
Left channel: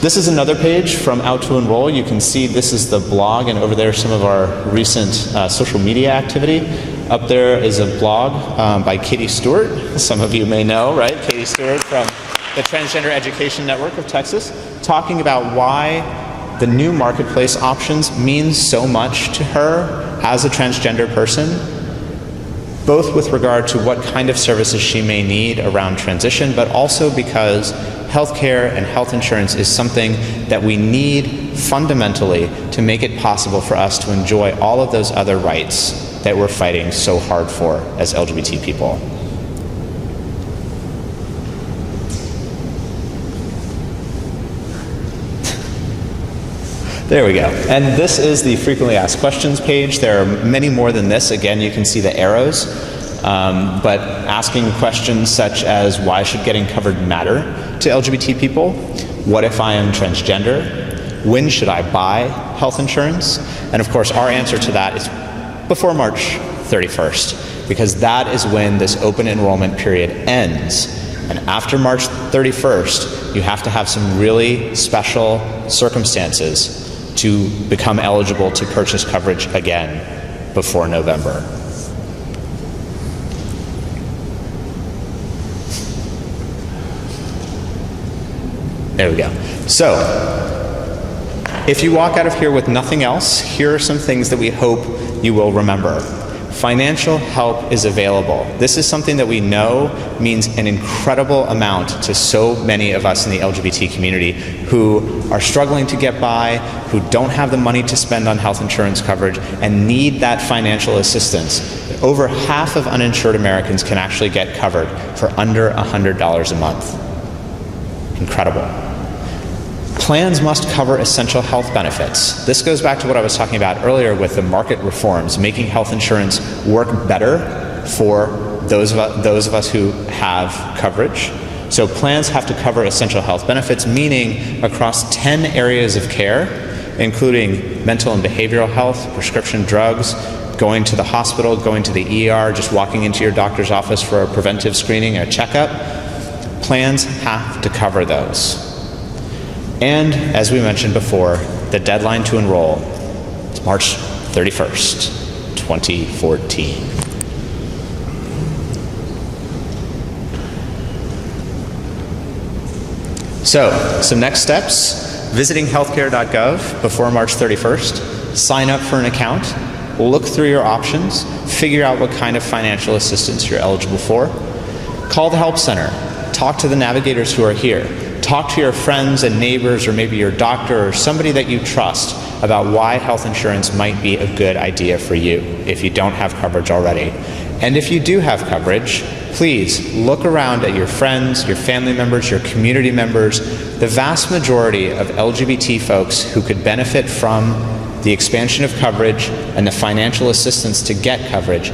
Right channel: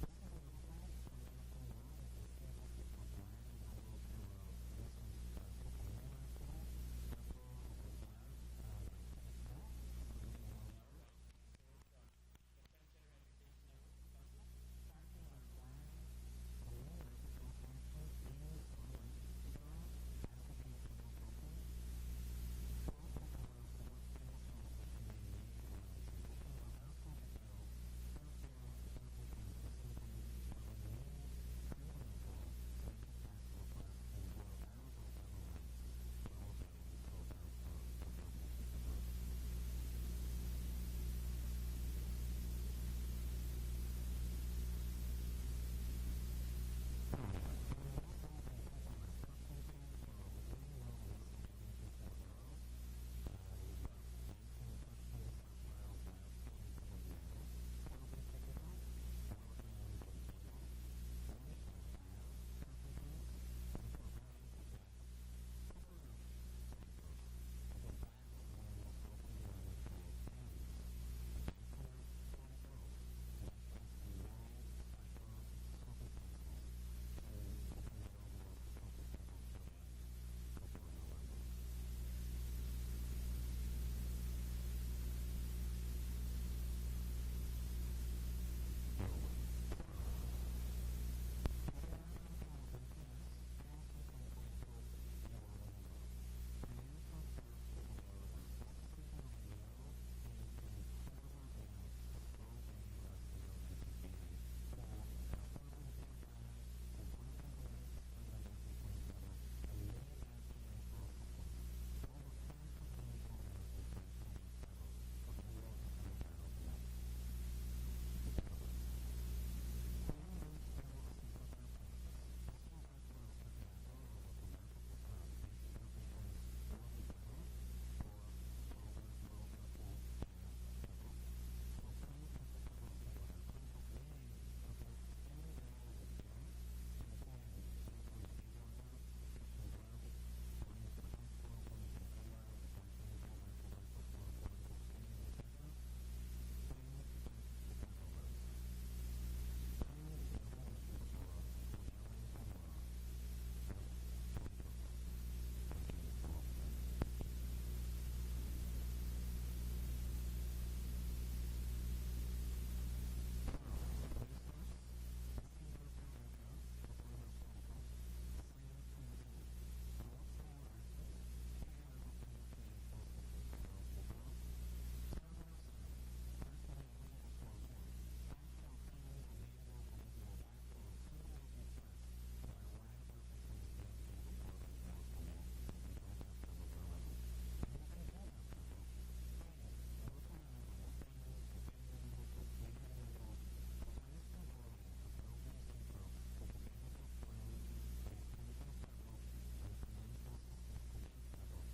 This is another page from Out to Enroll. You can see this is the blog, and over there some of our recent social media activity. Up there is a blog by Katie Stewart. Some of you may know, right? Katie Stewart from the Transgender Education Network of Texas, talking about why the new marketplace options mean so much to her as a transgender person, both with regard to what kind of services she may need around transition, but also because healthcare and health insurance is something that we need fundamentally to make it possible for us to enjoy all of those other rights that we're fighting so hard for as LGBT people. There we go. And this is the frequently asked questions page. There are many more than this. Again, you can see the arrows. But asking questions such as, why should getting covered matter to LGBT people? What if I am transgender? When should I buy health insurance? And of course, our answer to that is before March 31st, because that is when this open enrollment period ends. And after March 31st, you have to have some really special circumstances to become eligible to purchase coverage again before November. There we go. So, if you walk out of here with nothing else, here are some things that we hope you will remember. Financial help is available. This is something that we know means an incredible amount to so many of us in the LGBT community who are struggling to get by, who don't have the money to spend on health insurance coverage, and need that financial assistance. Over half of uninsured Americans can actually get covered for under $100 a month. Incredible. Plans must cover essential health benefits. This goes back to what I was talking about earlier with the market reforms, making health insurance work better for those of us who have coverage. So plans have to cover essential health benefits, meaning across 10 areas of care, including mental and behavioral health, prescription drugs, going to the hospital, going to the ER, just walking into your doctor's office for a preventive screening, a checkup. Plans have to cover those. And as we mentioned before, the deadline to enroll is March 31st, 2014. So, some next steps: visiting healthcare.gov before March 31st, sign up for an account, look through your options, figure out what kind of financial assistance you're eligible for, call the Help Center, talk to the navigators who are here, talk to your friends and neighbors or maybe your doctor or somebody that you trust about why health insurance might be a good idea for you if you don't have coverage already. And if you do have coverage, please look around at your friends, your family members, your community members. The vast majority of LGBT folks who could benefit from the expansion of coverage and the financial assistance to get coverage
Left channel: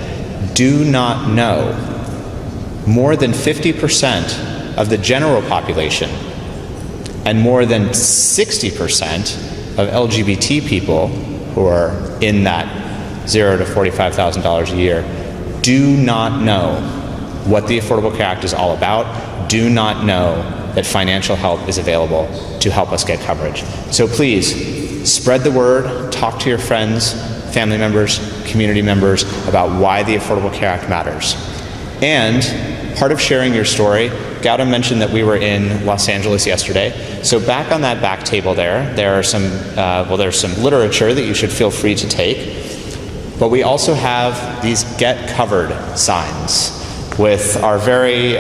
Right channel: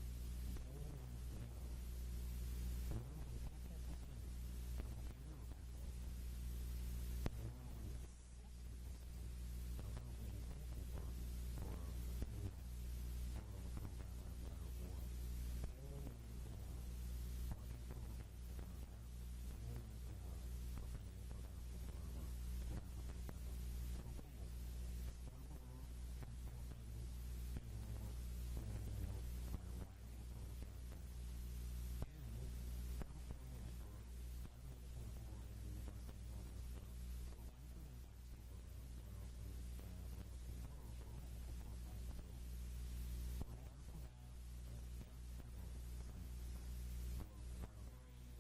do not know. More than 50% of the general population and more than 60% of LGBT people who are in that $0 to $45,000 a year do not know what the Affordable Care Act is all about, do not know that financial help is available to help us get coverage. So please, spread the word, talk to your friends, family members, community members about why the Affordable Care Act matters. And part of sharing your story, Gautam mentioned that we were in Los Angeles yesterday. So back on that back table there are some, there's some literature that you should feel free to take. But we also have these Get Covered signs with our very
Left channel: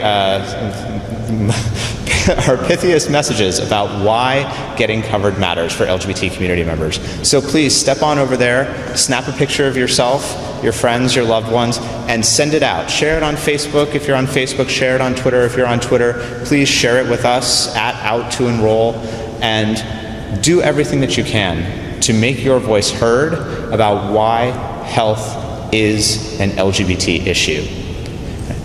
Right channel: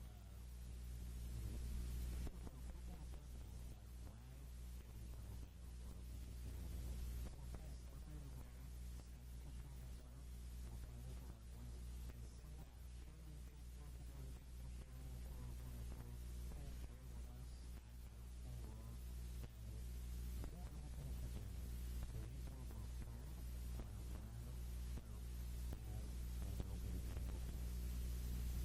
our pithiest messages about why getting covered matters for LGBT community members. So please step on over there, snap a picture of yourself, your friends, your loved ones, and send it out. Share it on Facebook if you're on Facebook, share it on Twitter if you're on Twitter. Please share it with us at Out2Enroll, and do everything that you can to make your voice heard about why health is an LGBT issue.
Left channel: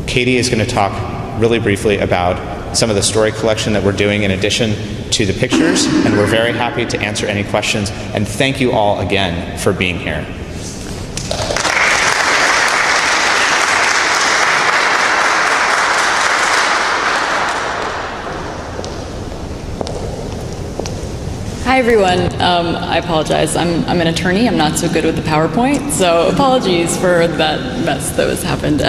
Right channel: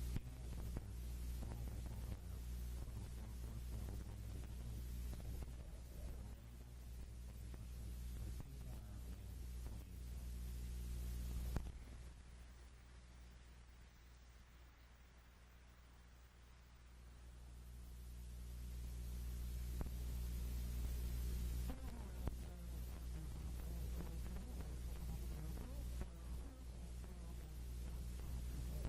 Katie is going to talk really briefly about some of the story collection that we're doing in addition to the pictures, and we're very happy to answer any questions. And thank you all again for being here. Hi everyone. I apologize. I'm an attorney. I'm not so good with the PowerPoint, so apologies for that mess that was happened.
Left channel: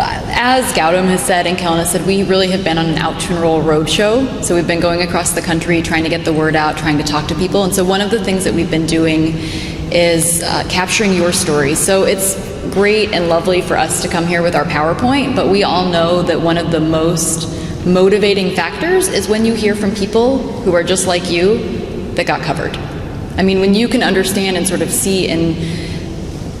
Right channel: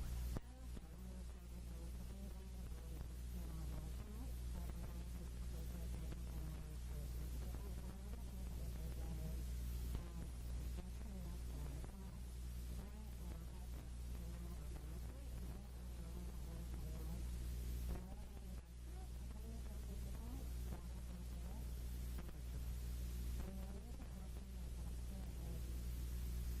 As Gautam has said and Kellen has said, we really have been on an Out2Enroll roadshow. So we've been going across the country trying to get the word out, trying to talk to people. And so one of the things that we've been doing is capturing your stories. So it's great and lovely for us to come here with our PowerPoint, but we all know that one of the most motivating factors is when you hear from people who are just like you that got covered. I mean, when you can understand and sort of see and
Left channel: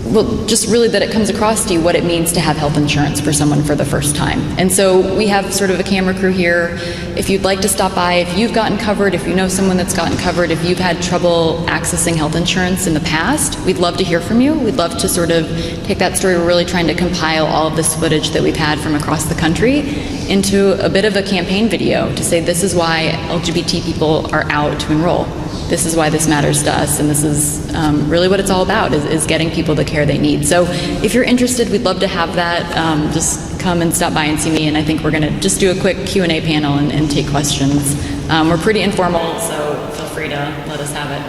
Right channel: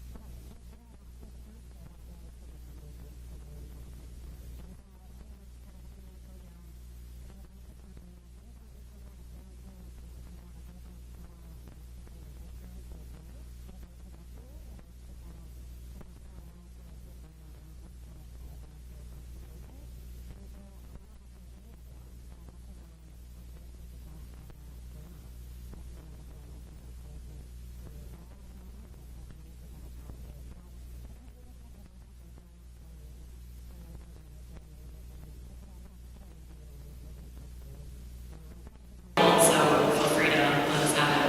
well, just really that it comes across to you what it means to have health insurance for someone for the first time. And so we have sort of a camera crew here. If you'd like to stop by, if you've gotten covered, if you know someone that's gotten covered, if you've had trouble accessing health insurance in the past, we'd love to hear from you. We'd love to sort of take that story. We're really trying to compile all of this footage that we've had from across the country into a bit of a campaign video to say this is why LGBT people are out to enroll. This is why this matters to us, and this is really what it's all about, is getting people the care they need. So if you're interested, we'd love to have that. Just come and stop by and see me, and I think we're going to just do a quick Q&A panel and take questions. We're pretty informal, so feel free to let us have it.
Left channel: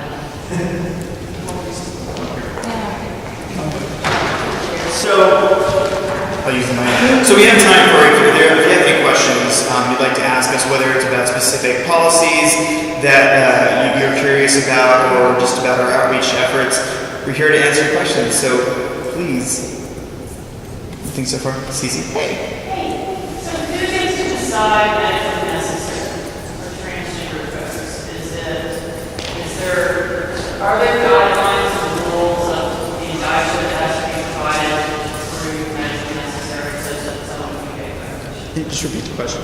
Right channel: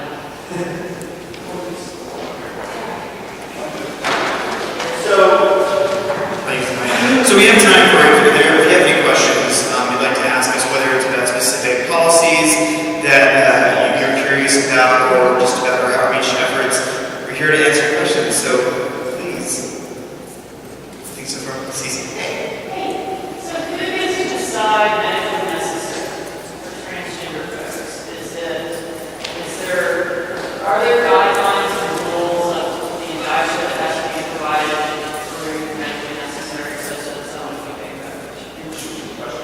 So we have time for if you're there. If you have any questions you'd like to ask us, whether it's about specific policies that you're curious about or just about our outreach efforts, we're here to answer your questions. So please. Anything so far? Cece? Hey. So who gets to decide medically necessary for transgender folks? Are there guidelines and rules of the advisory that has to be provided through medically necessary so that someone can get coverage? Can you just repeat the question?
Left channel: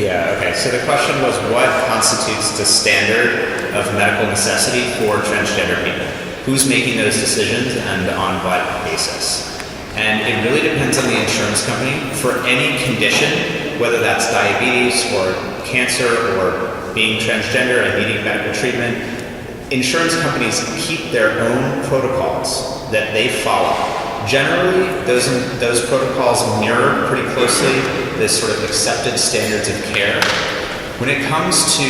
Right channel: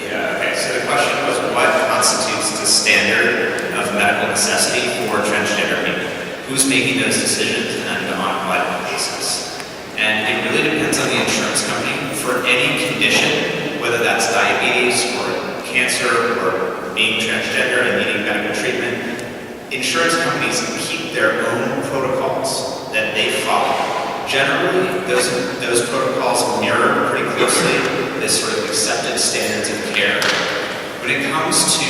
Yeah, okay. So the question was, what constitutes the standard of medical necessity for transgender people? Who's making those decisions and on what basis? And it really depends on the insurance company. For any condition, whether that's diabetes or cancer or being transgender and needing medical treatment, insurance companies keep their own protocols that they follow. Generally, those protocols mirror pretty closely this sort of accepted standards of care. When it comes to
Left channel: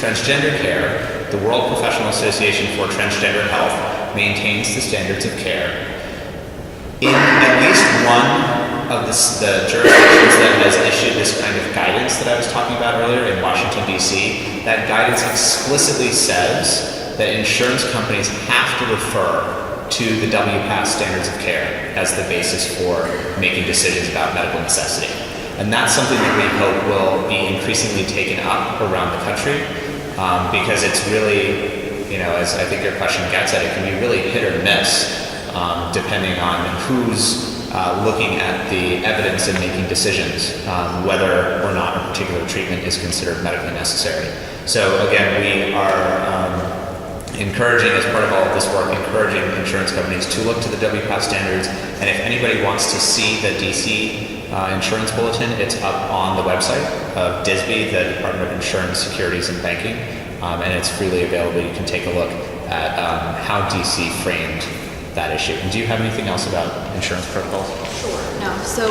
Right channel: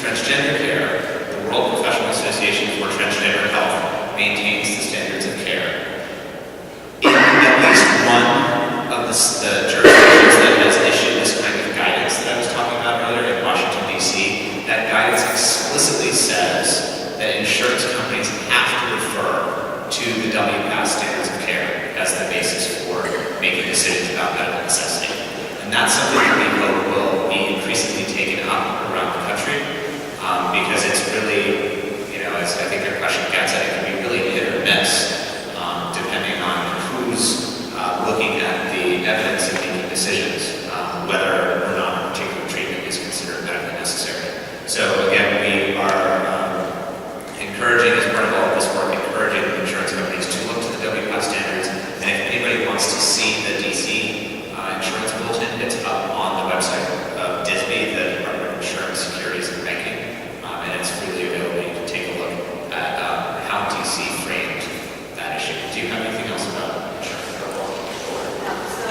transgender care, the World Professional Association for Transgender Health maintains the standards of care. In at least one of the jurisdictions that has issued this kind of guidance that I was talking about earlier in Washington, D.C., that guidance explicitly says that insurance companies have to refer to the WPATH standards of care as the basis for making decisions about medical necessity. And that's something that we hope will be increasingly taken up around the country because it's really, as I think your question gets at, it can be really hit or miss depending on who's looking at the evidence and making decisions whether or not a particular treatment is considered medically necessary. So again, we are encouraging, as part of all of this work, encouraging insurance companies to look to the WPATH standards, and if anybody wants to see the DC insurance bulletin. It's up on the website of DSB, the Department of Insurance, Securities, and Banking, and it's freely available. You can take a look at how DC framed that issue. And do you have anything else about insurance protocols? No, so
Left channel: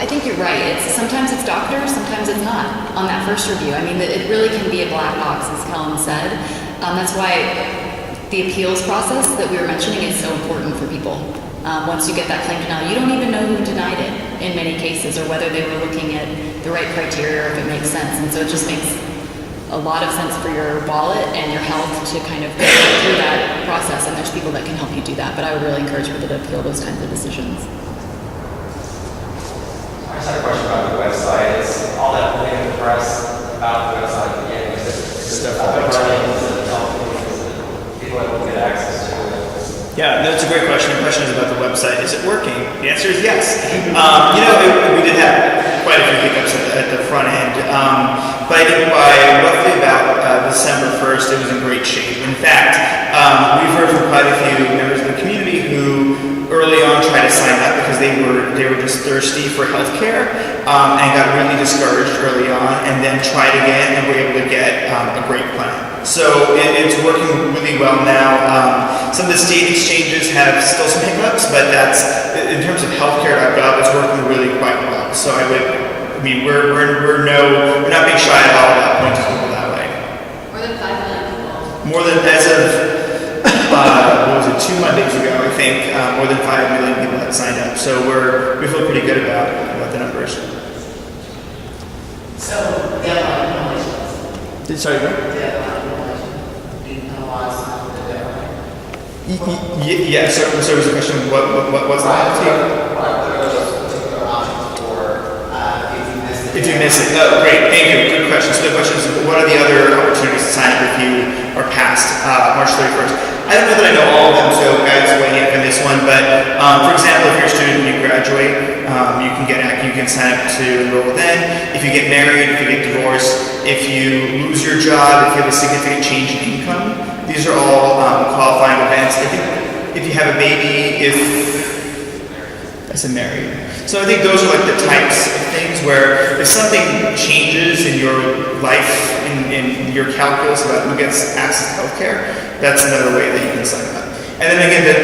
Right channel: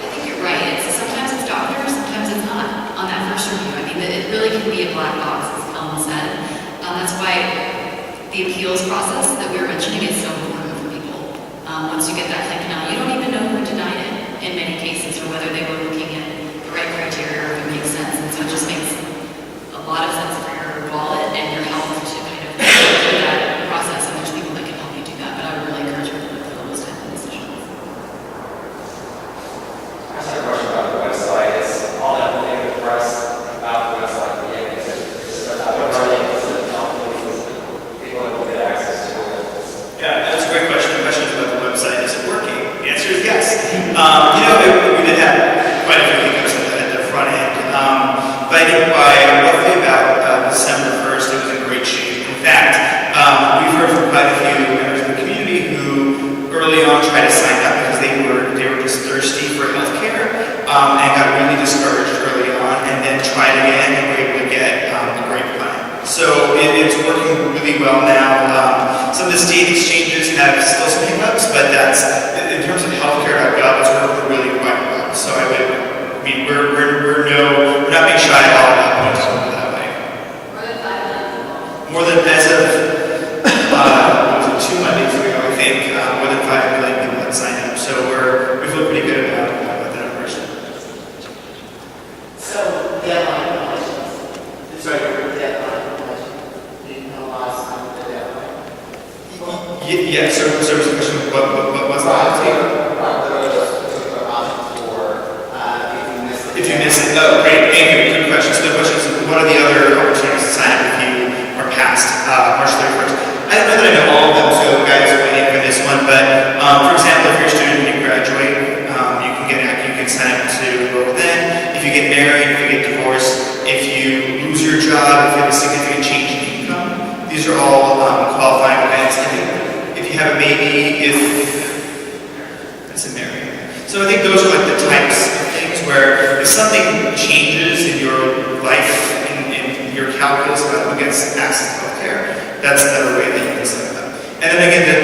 I think you're right. Sometimes it's doctors, sometimes it's not on that first review. I mean, it really can be a black box, as Helen said. That's why the appeals process that we were mentioning is so important for people. Once you get that claim denied, you don't even know who denied it in many cases, or whether they were looking at the right criteria, or if it makes sense. And so it just makes a lot of sense for your wallet and your health to kind of go through that process. And there's people that can help you do that. But I would really encourage people to appeal those kinds of decisions. I just had a question about the website. Is all that moving in the press about the website? Yeah, is it up and running? Is it people able to get access to it? Yeah, that's a great question. The question is about the website. Is it working? The answer is yes. We did have quite a few hiccups at the front end. But I think by roughly about December 1st, it was in great shape. In fact, we've heard from quite a few members of the community who early on tried to sign up because they were just thirsty for healthcare and got really discouraged early on, and then tried again and were able to get a great plan. So it's working really well now. Some of the state exchanges have still some hiccups, but that's in terms of healthcare.gov, it's working really quite well. So we're not being shy at all about pointing to it that way. More than 5 million people. More than, as of what was it, 2 Mondays ago, I think, more than 5 million people have signed up. So we feel pretty good about the numbers. So, Sorry. Yeah, so was the question, what was that? If you miss it. Oh, great, thank you. Good question. So the question is, what are the other opportunities to sign up if you are past March 31st? I don't know that I know all of them, so guys, wait in for this one. But for example, if you're a student and you graduate, you can sign up to enroll then. If you get married, if you get divorced, if you lose your job, if you have a significant change in income, these are all qualifying events. If you have a baby, that's a married. So I think those are like the types of things where if something changes in your life, in your calculus about who gets access to healthcare, that's another way that you can sign up. And then again, the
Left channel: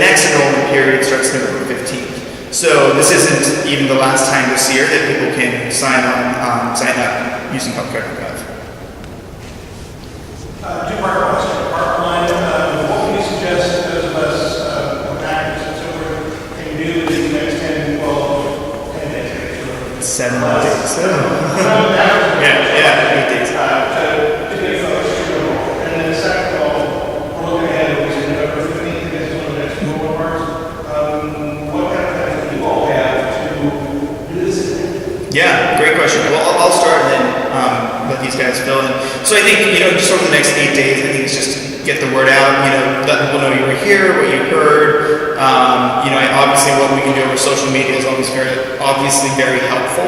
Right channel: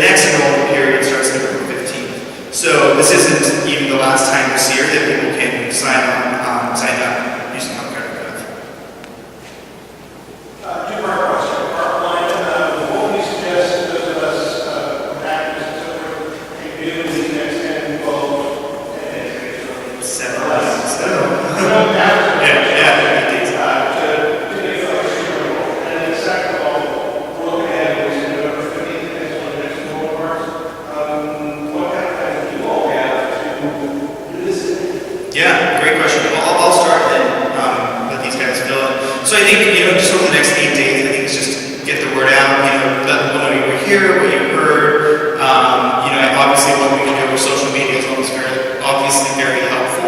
next enrollment period starts November 15th. So this isn't even the last time this year that people can sign up using healthcare.gov. Two-part question. Part one, what would you suggest those of us actors and so forth can do in the next 10, 12, 10 days? 7 days. 7 days. Yeah, 8 days. To get folks to enroll. And then second of all, look ahead, we said November 15th is one of the next enrollment parts. What kind of things do you all have to do this? Yeah, great question. Well, I'll start and then let these guys fill in. So I think, just over the next 8 days, I think it's just get the word out, let people know you were here, what you heard. Obviously what we can do with social media is obviously very helpful.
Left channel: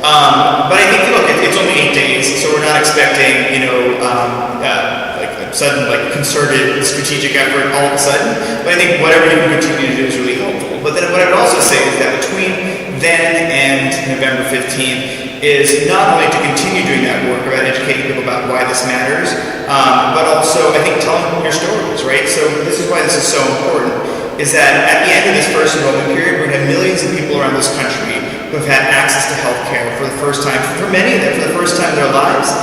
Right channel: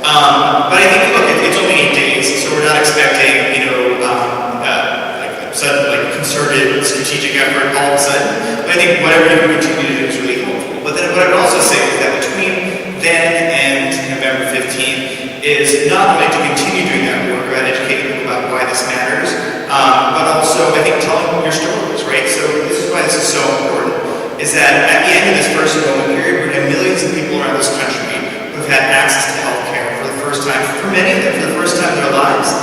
But I think, look, it's only 8 days, so we're not expecting, a sudden, concerted, strategic effort all of a sudden. But I think whatever you can continue to do is really helpful. But then what I would also say is that between then and November 15th is not only to continue doing that work about educating people about why this matters, but also, I think, telling your stories, right? So this is why this is so important, is that at the end of this first enrollment period, we're going to have millions of people around this country who have had access to health care for the first time, for many of them, for the first time in their lives,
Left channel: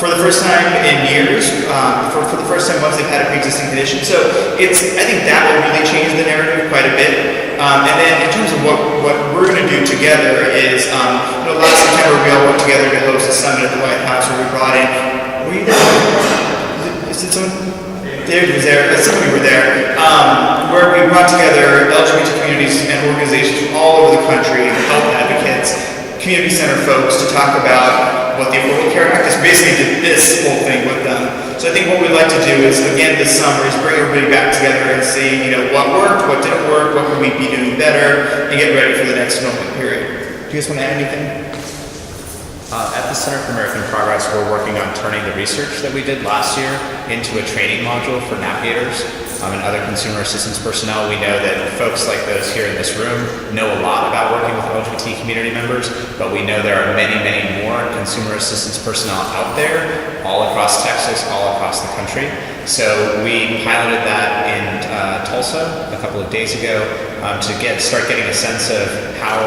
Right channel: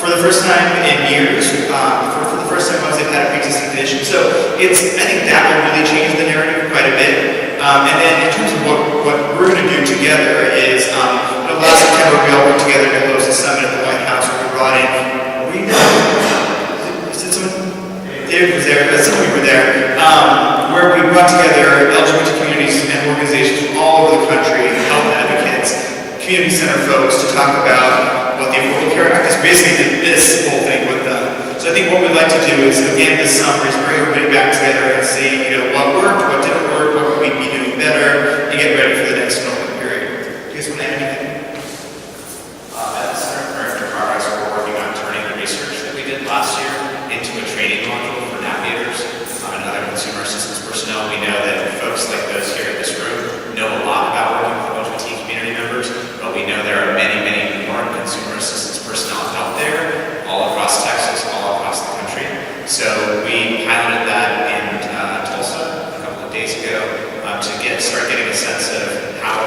for the first time in years, for the first time once they've had a pre-existing condition. So I think that will really change the narrative quite a bit. And then in terms of what we're going to do together is, last September we all worked together to host a summit at the White House where we brought in, is it someone? David was there, some of you were there, where we brought together LGBT communities and organizations from all over the country, health advocates, community center folks to talk about what the Affordable Care Act is. Basically did this whole thing with them. So I think what we'd like to do is, again, this summer is bring everybody back together and see, what worked, what didn't work, what could we be doing better, and get ready for the next enrollment period. Do you guys want to add anything? At the Center for American Progress, we're working on turning the research that we did last year into a training module for navigators. and other consumer assistance personnel. We know that folks like those here in this room know a lot about working with LGBT community members, but we know there are many, many more consumer assistance personnel out there, all across Texas, all across the country. So we piloted that in Tulsa a couple of days ago to start getting a sense of how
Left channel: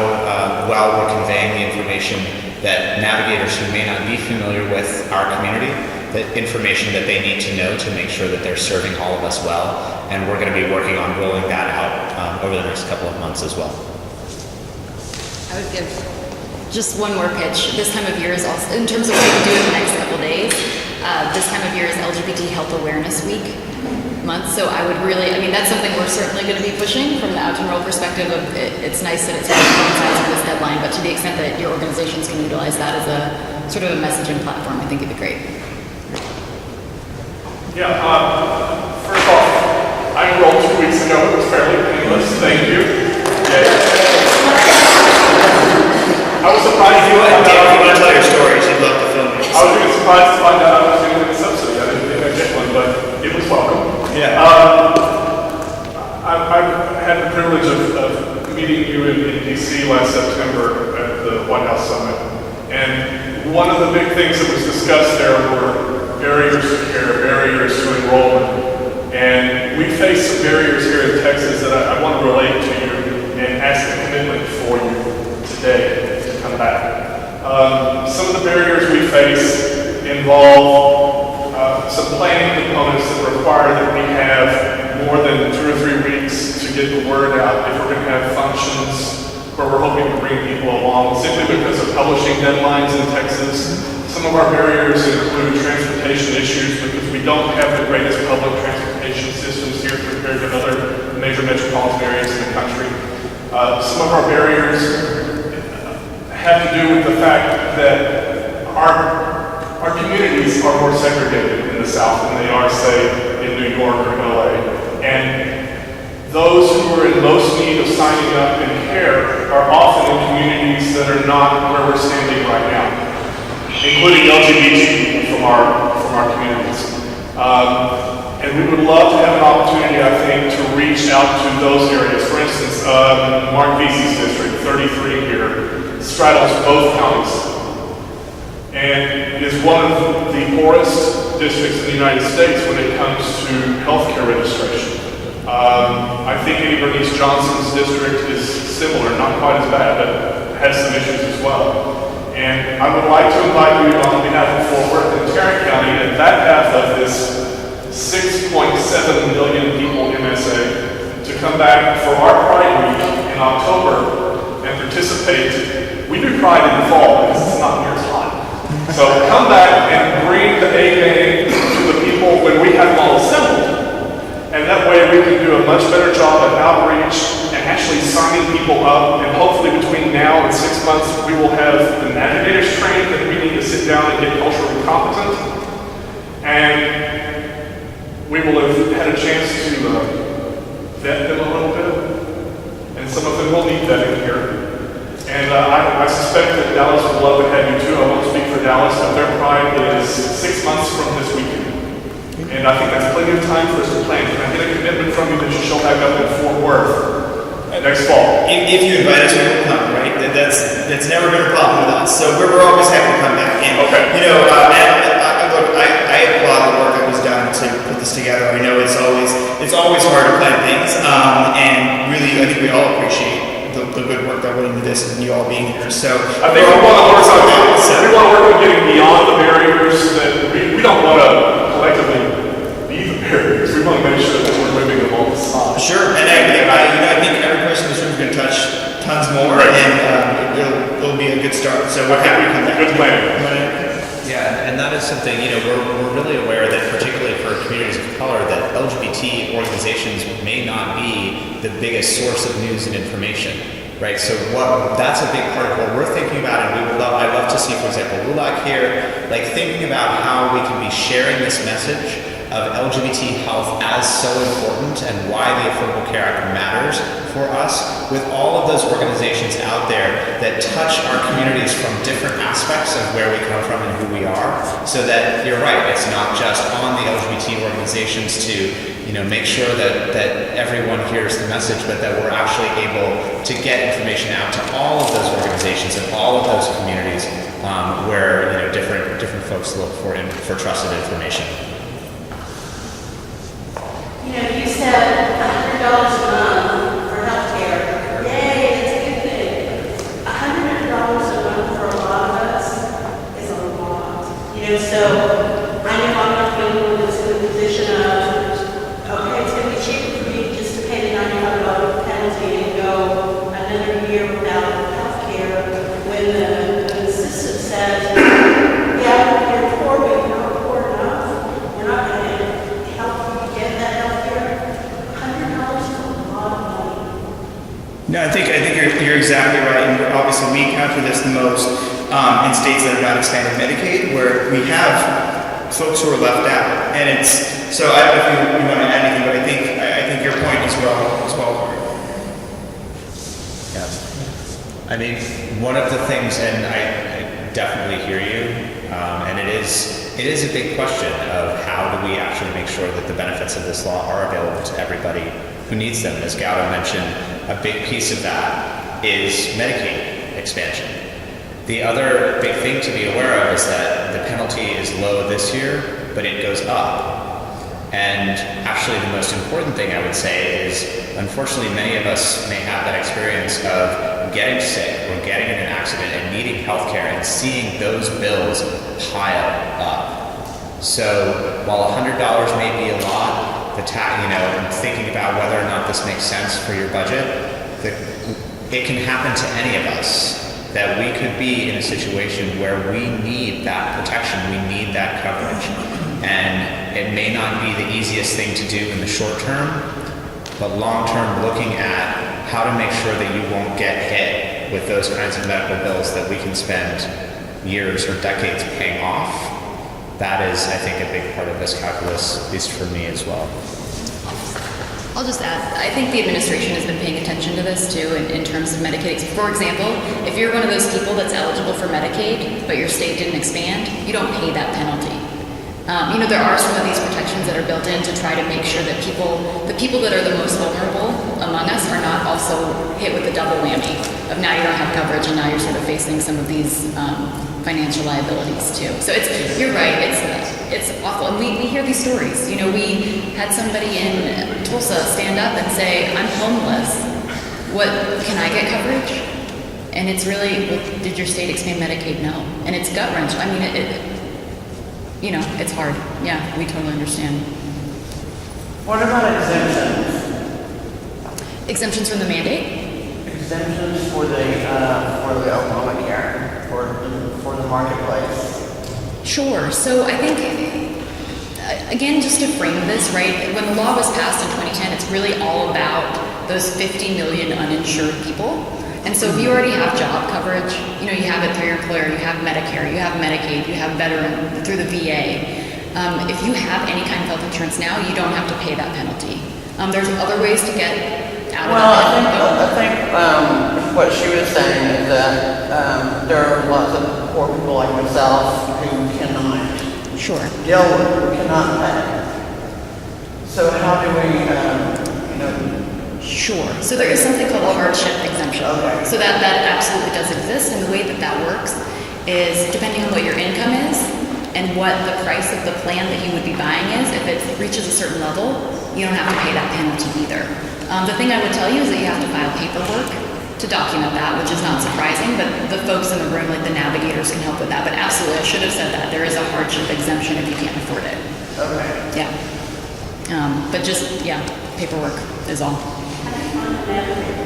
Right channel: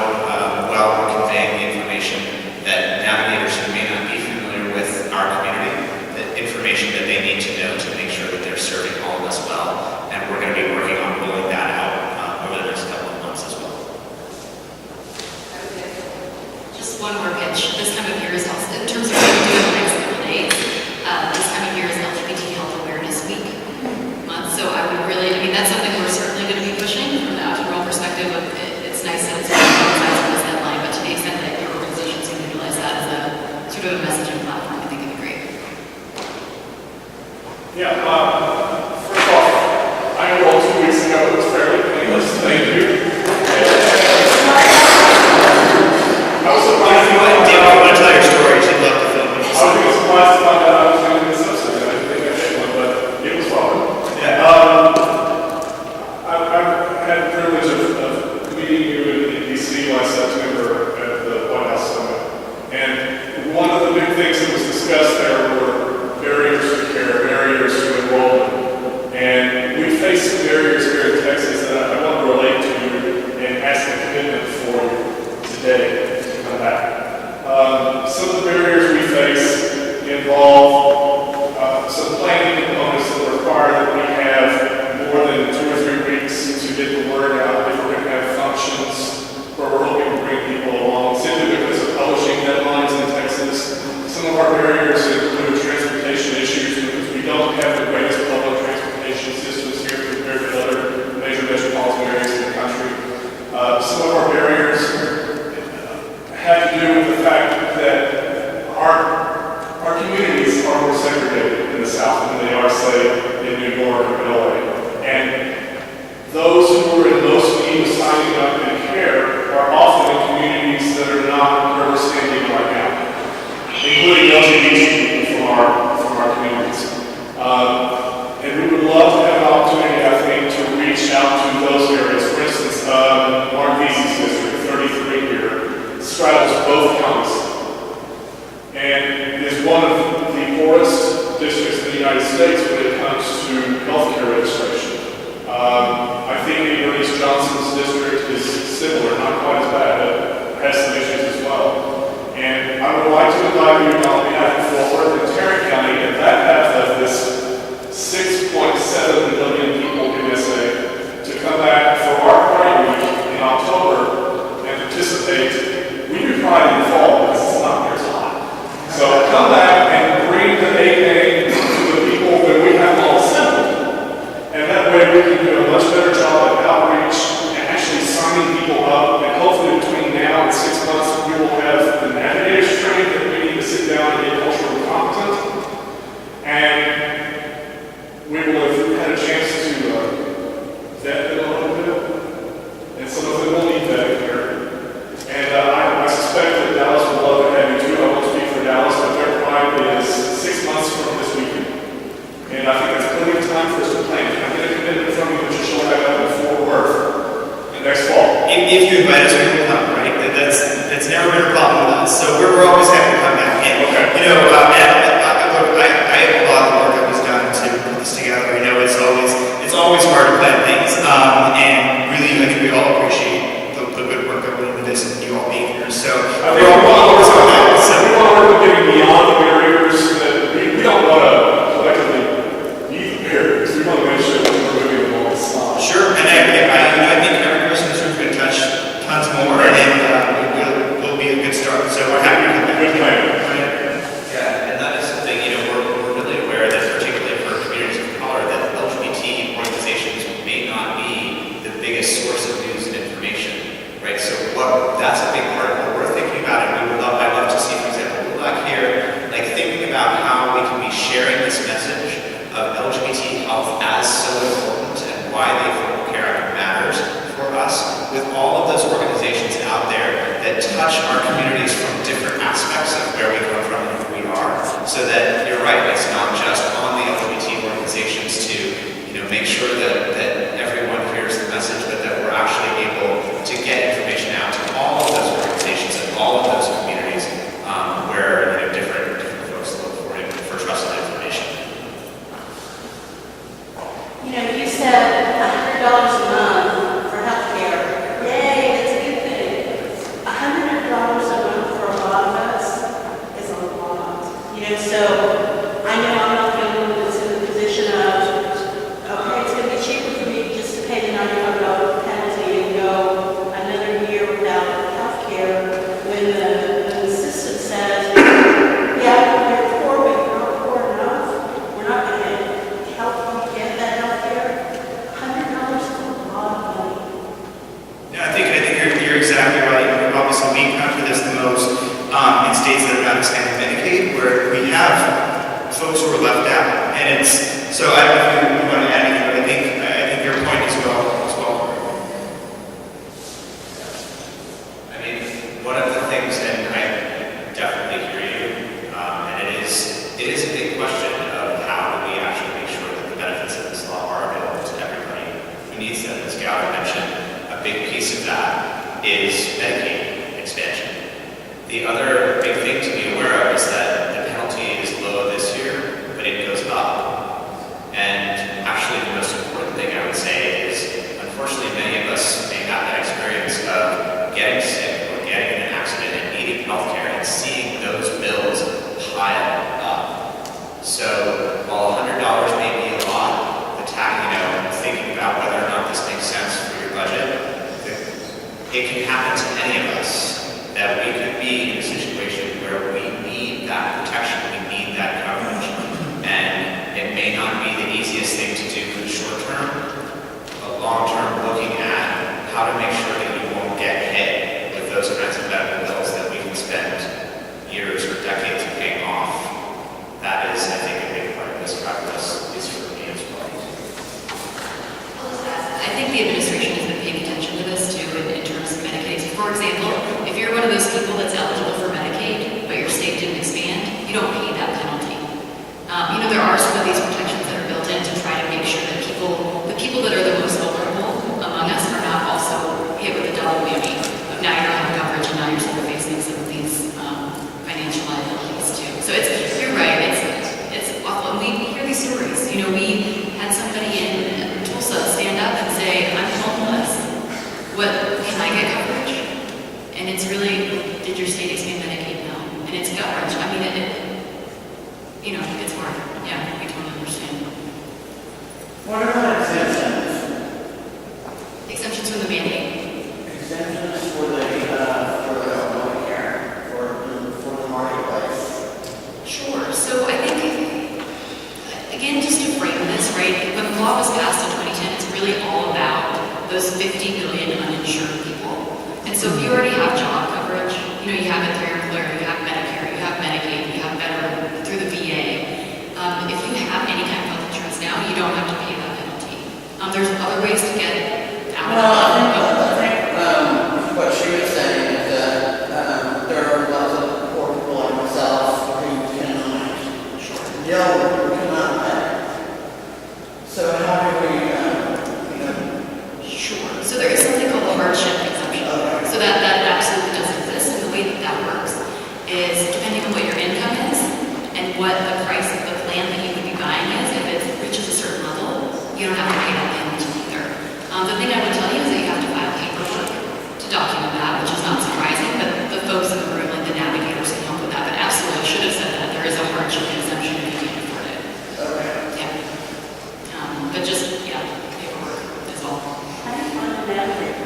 well we're conveying the information that navigators who may not be familiar with our community, the information that they need to know to make sure that they're serving all of us well. And we're going to be working on rolling that out over the next couple of months as well. I would give just one more pitch. This time of year is also, in terms of what we do in the next couple of days, this time of year is LGBT Health Awareness Week month. So I would really, that's something we're certainly going to be pushing from the out and roll perspective of it's nice that it's in this headline, but to the extent that your organizations can utilize that as a sort of a messaging platform, I think it'd be great. Yeah, first off, I enrolled 2 weeks ago. It was fairly painless. Thank you. I was surprised to find out. If you want to tell your stories, you'd love to film it. I was really surprised to find out I was doing this episode. I didn't think I'd get one, but it was welcome. Yeah. I had the privilege of meeting you in D.C. last September at the White House Summit. And one of the big things that was discussed there were barriers to care, barriers to enrollment. And we face some barriers here in Texas that I want to relate to you and ask a commitment for you today to come back. Some of the barriers we face involve some planning components that require that we have more than 2 or 3 weeks to get the word out if we're going to have functions where we're hoping to bring people along, simply because of publishing deadlines in Texas. Some of our barriers include transportation issues because we don't have the greatest public transportation systems here compared to other major metropolitan areas in the country. Some of our barriers have to do with the fact that our communities are more segregated in the South than they are, say, in New York or LA. And those who are in most need of signing up in care are often in communities that are not where we're standing right now, including LGBT people from our communities. And we would love to have an opportunity, I think, to reach out to those areas. For instance, Mark Vesey's district, 33 here, straddles both counties and is one of the poorest districts in the United States when it comes to healthcare registration. I think Bernice Johnson's district is similar, not quite as bad, but has some issues as well. And I would like to invite you on behalf of Fort Worth and Tarrant County at that half of this 6.7 million people MSA to come back for our Pride Week in October and participate. We do Pride in the fall because it's not near as hot. So come back and bring the A game to the people when we have all assembled. And that way we can do a much better job of outreach and actually signing people up. And hopefully between now and 6 months, we will have the navigators trained that we need to sit down and get culturally competent. And we will have had a chance to vet them a little bit. And some of them will need vetting here. And I suspect that Dallas would love to have you too. I won't speak for Dallas, but their Pride is 6 months from this weekend. And I think that's plenty of time for us to plan. Can I get a commitment from you that you show back up in Fort Worth next fall? If you invite us, we will come, right? That's never been a problem with us. So we're always happy to come back. And, okay. I applaud the work that was done to put this together. I know it's always hard to plan things. And really, I think we all appreciate the good work that went into this and you all being here. So I think we want to work on that. We want to work on getting beyond the barriers that we don't want to collectively be the barriers. We want to make sure that we're moving the ball. Sure, and I think every person in this room is going to touch tons more, right. And it'll be a good start. So we're happy to come back. Good plan. Yeah, and that is something, we're really aware that, particularly for communities of color, that LGBT organizations may not be the biggest source of news and information, right? So that's a big part of what we're thinking about, and I'd love to see, for example, LULAC here, thinking about how we can be sharing this message of LGBT health as so important and why the Affordable Care Act matters for us with all of those organizations out there that touch our communities from different aspects of where we come from and who we are, so that you're right, it's not just on the LGBT organizations to make sure that And so I know I'm not the only one that's in the position of, okay, it's going to be cheaper for me just to pay the $95 penalty and go another year without health care when the system says, yeah, you're poor, but you're not poor enough. We're not going to help you get that health care. $100 is a lot of money. No, I think you're exactly right. And obviously, we encounter this the most in states that are not expanding Medicaid, where we have folks who are left out. And it's so. I don't know if you want to add anything, but I think your point is well. Yeah. I mean, one of the things, and I definitely hear you, and it is a big question of how do we actually make sure that the benefits of this law are available to everybody who needs them. As Gowda mentioned, a big piece of that is Medicaid expansion. The other big thing to be aware of is that the penalty is low this year, but it goes up. And actually the most important thing I would say is, unfortunately, many of us may have that experience of getting sick or getting in an accident and needing healthcare and seeing those bills pile up. So while $100 may be a lot, and thinking about whether or not this makes sense for your budget, it can happen to any of us. That we could be in a situation where we need that protection, we need that coverage. And it may not be the easiest thing to do in the short term, but long term, looking at how to make sure that you won't get hit with those kinds of medical bills that we can spend years or decades paying off. That is, I think, a big part of this calculus, at least for me as well. I'll just add, I think the administration has been paying attention to this too in terms of Medicaid. For example, if you're one of those people that's eligible for Medicaid, but your state didn't expand, you don't pay that penalty. There are some of these protections that are built in to try to make sure that the people that are the most vulnerable among us are not also hit with the double whammy of now you don't have coverage and now you're sort of facing some of these financial liabilities too. So you're right, it's awful. We hear these stories. We had somebody in Tulsa stand up and say, I'm homeless. Can I get coverage? And it's really, did your state expand Medicaid? No. And it's gut-wrenching. I mean, it's hard. Yeah, we totally understand. What about exemptions? Exemptions from the mandate? Exemptions for the Obamacare, for the marketplace. Sure. So I think, again, just to frame this, right, when the law was passed in 2010, it's really all about those 50 million uninsured people. And so if you already have job coverage, you have it through your employer, you have Medicare, you have Medicaid, you have veteran through the VA. If you have any kind of health insurance now, you don't have to pay that penalty. There's other ways to get out of I think what she was saying is that there are lots of poor people like myself who cannot deal with it, who cannot pay. So how do we, Sure. So there is something called a hardship exemption. Okay. So that absolutely does exist, and the way that works is depending on what your income is and what the price of the plan that you would be buying is, if it reaches a certain level, you don't have to pay that penalty either. The thing I would tell you is that you have to file paperwork to document that, which is not surprising, but the folks in the room, like the navigators, can help with that. But absolutely, I should have said that. There is a hardship exemption if you can't afford it. Okay. Yeah. But paperwork is all. How do you find a navigator?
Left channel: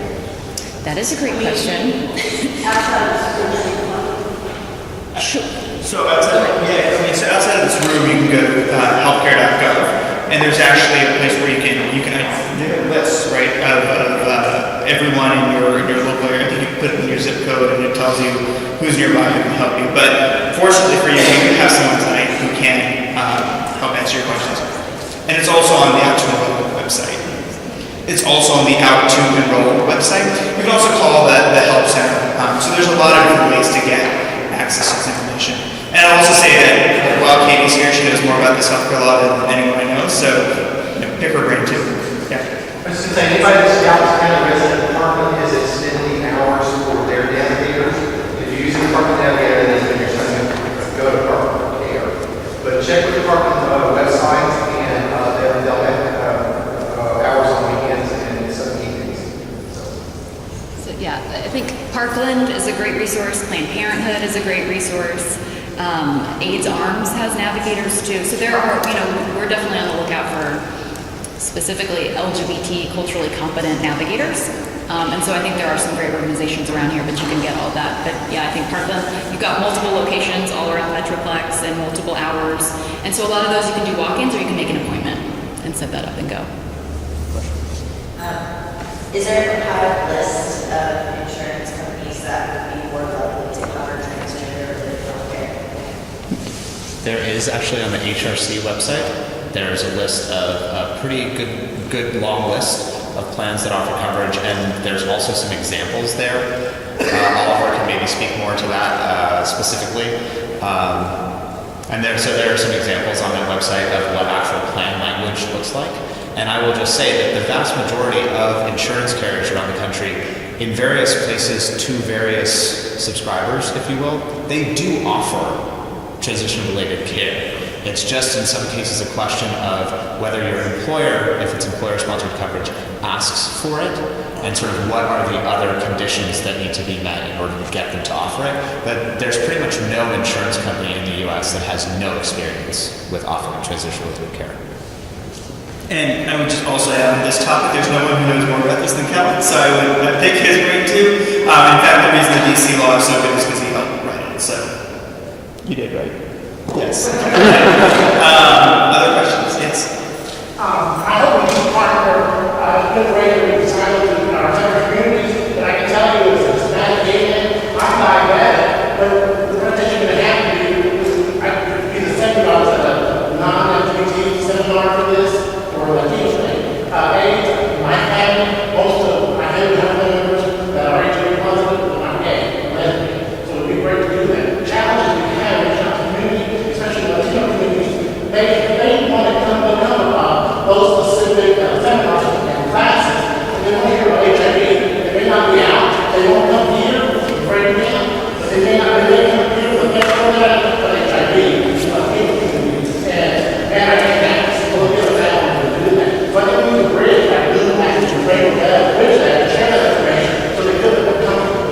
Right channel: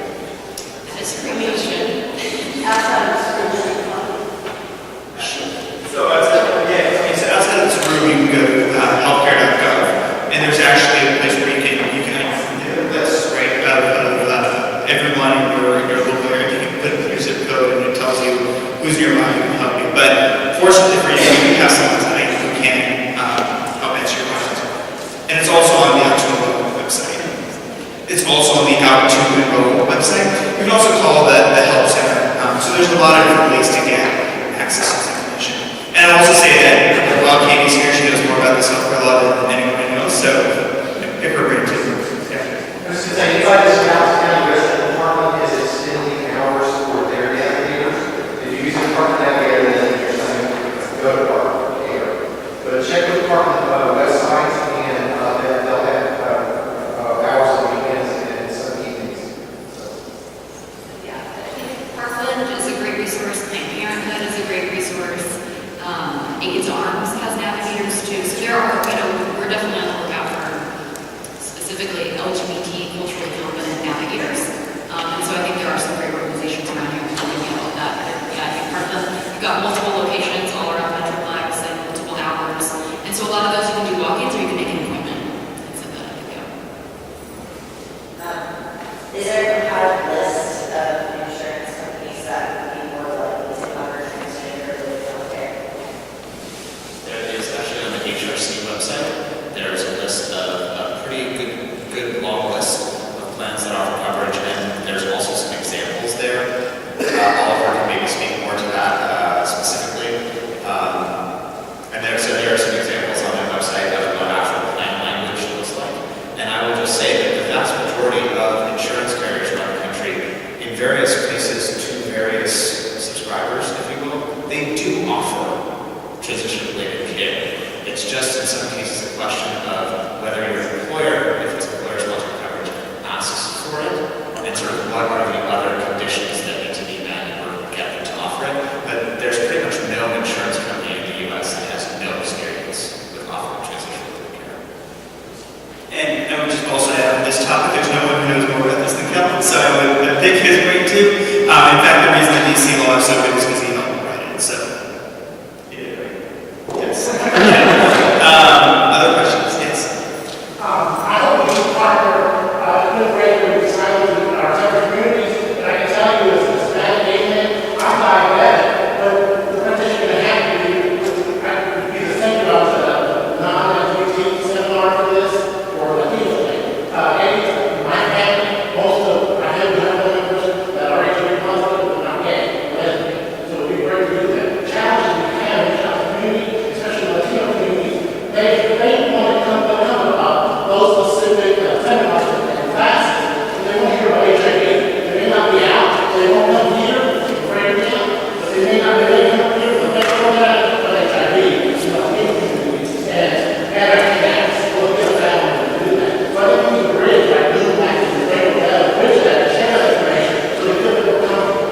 That is a great question. Outside of school, So outside of this room, you can go to healthcare.gov, and there's actually a place where you can have a list, right, of everyone in your local area. You can put in your zip code, and it tells you who's nearby who can help you. But fortunately for you, you have someone tonight who can help answer your questions. And it's also on the actual website. It's also on the Out to Enroll website. You can also call the help center. So there's a lot of different ways to get access to this information. And I'll also say that while Katie's here, she knows more about this healthcare law than anyone I know. So pick her brain too. Yeah. I was just saying, anybody that's Dallas County resident department is extending hours for their navigators. If you use the department navigator, then you're saying go to department care. But check with the department website, and they'll have hours on weekends and some evenings. So yeah, I think Parkland is a great resource. Planned Parenthood is a great resource. AIDS Arms has navigators too. So there are, we're definitely on the lookout for specifically LGBT culturally competent navigators. And so I think there are some great organizations around here that can get all of that. But yeah, I think part of them, you've got multiple locations all around Metroplex and multiple hours. And so a lot of those you can do walk-ins or you can make an appointment and set that up and go. Is there a compiled list of insurance companies that would be more likely to cover transgender related healthcare? There is actually on the HRC website. There's a list of a pretty good long list of plans that offer coverage, and there's also some examples there. Oliver can maybe speak more to that specifically. And there are some examples on that website of what actual plan language looks like. And I will just say that the vast majority of insurance carriers around the country, in various places to various subscribers, if you will, they do offer transition-related care. It's just in some cases a question of whether your employer, if it's employer-sponsored coverage, asks for it, and sort of what are the other conditions that need to be met in order to get them to offer it. But there's pretty much no insurance company in the U.S. that has no experience with offering transition-related care. And I would just also add on this topic, there's no one who knows more about this than Kevin, so I think he's great too. In fact, the reason the DC law is so good is because he helped me write it, so you did right. Yes. Other questions? Yes. I hope we can partner integrated with our separate communities, and I can tell you as a Hispanic gay man, I'm diabetic, but the presentation going to happen to be the same if I was at a non-LGBT seminar for this, or Latino thing. My family, most of my family members that are HIV positive, I'm gay, lesbian, so it would be great to do that. The challenges we have in our community, especially Latino communities, they want to come about those specific seminars and classes. They want to hear about HIV. They may not be out. They won't come here to pray with them, but they may not be able to come here for that but HIV. And I think that's what we're going to do that. So I think we need to bridge that new package and pray with that, bridge that, share that information so they feel comfortable.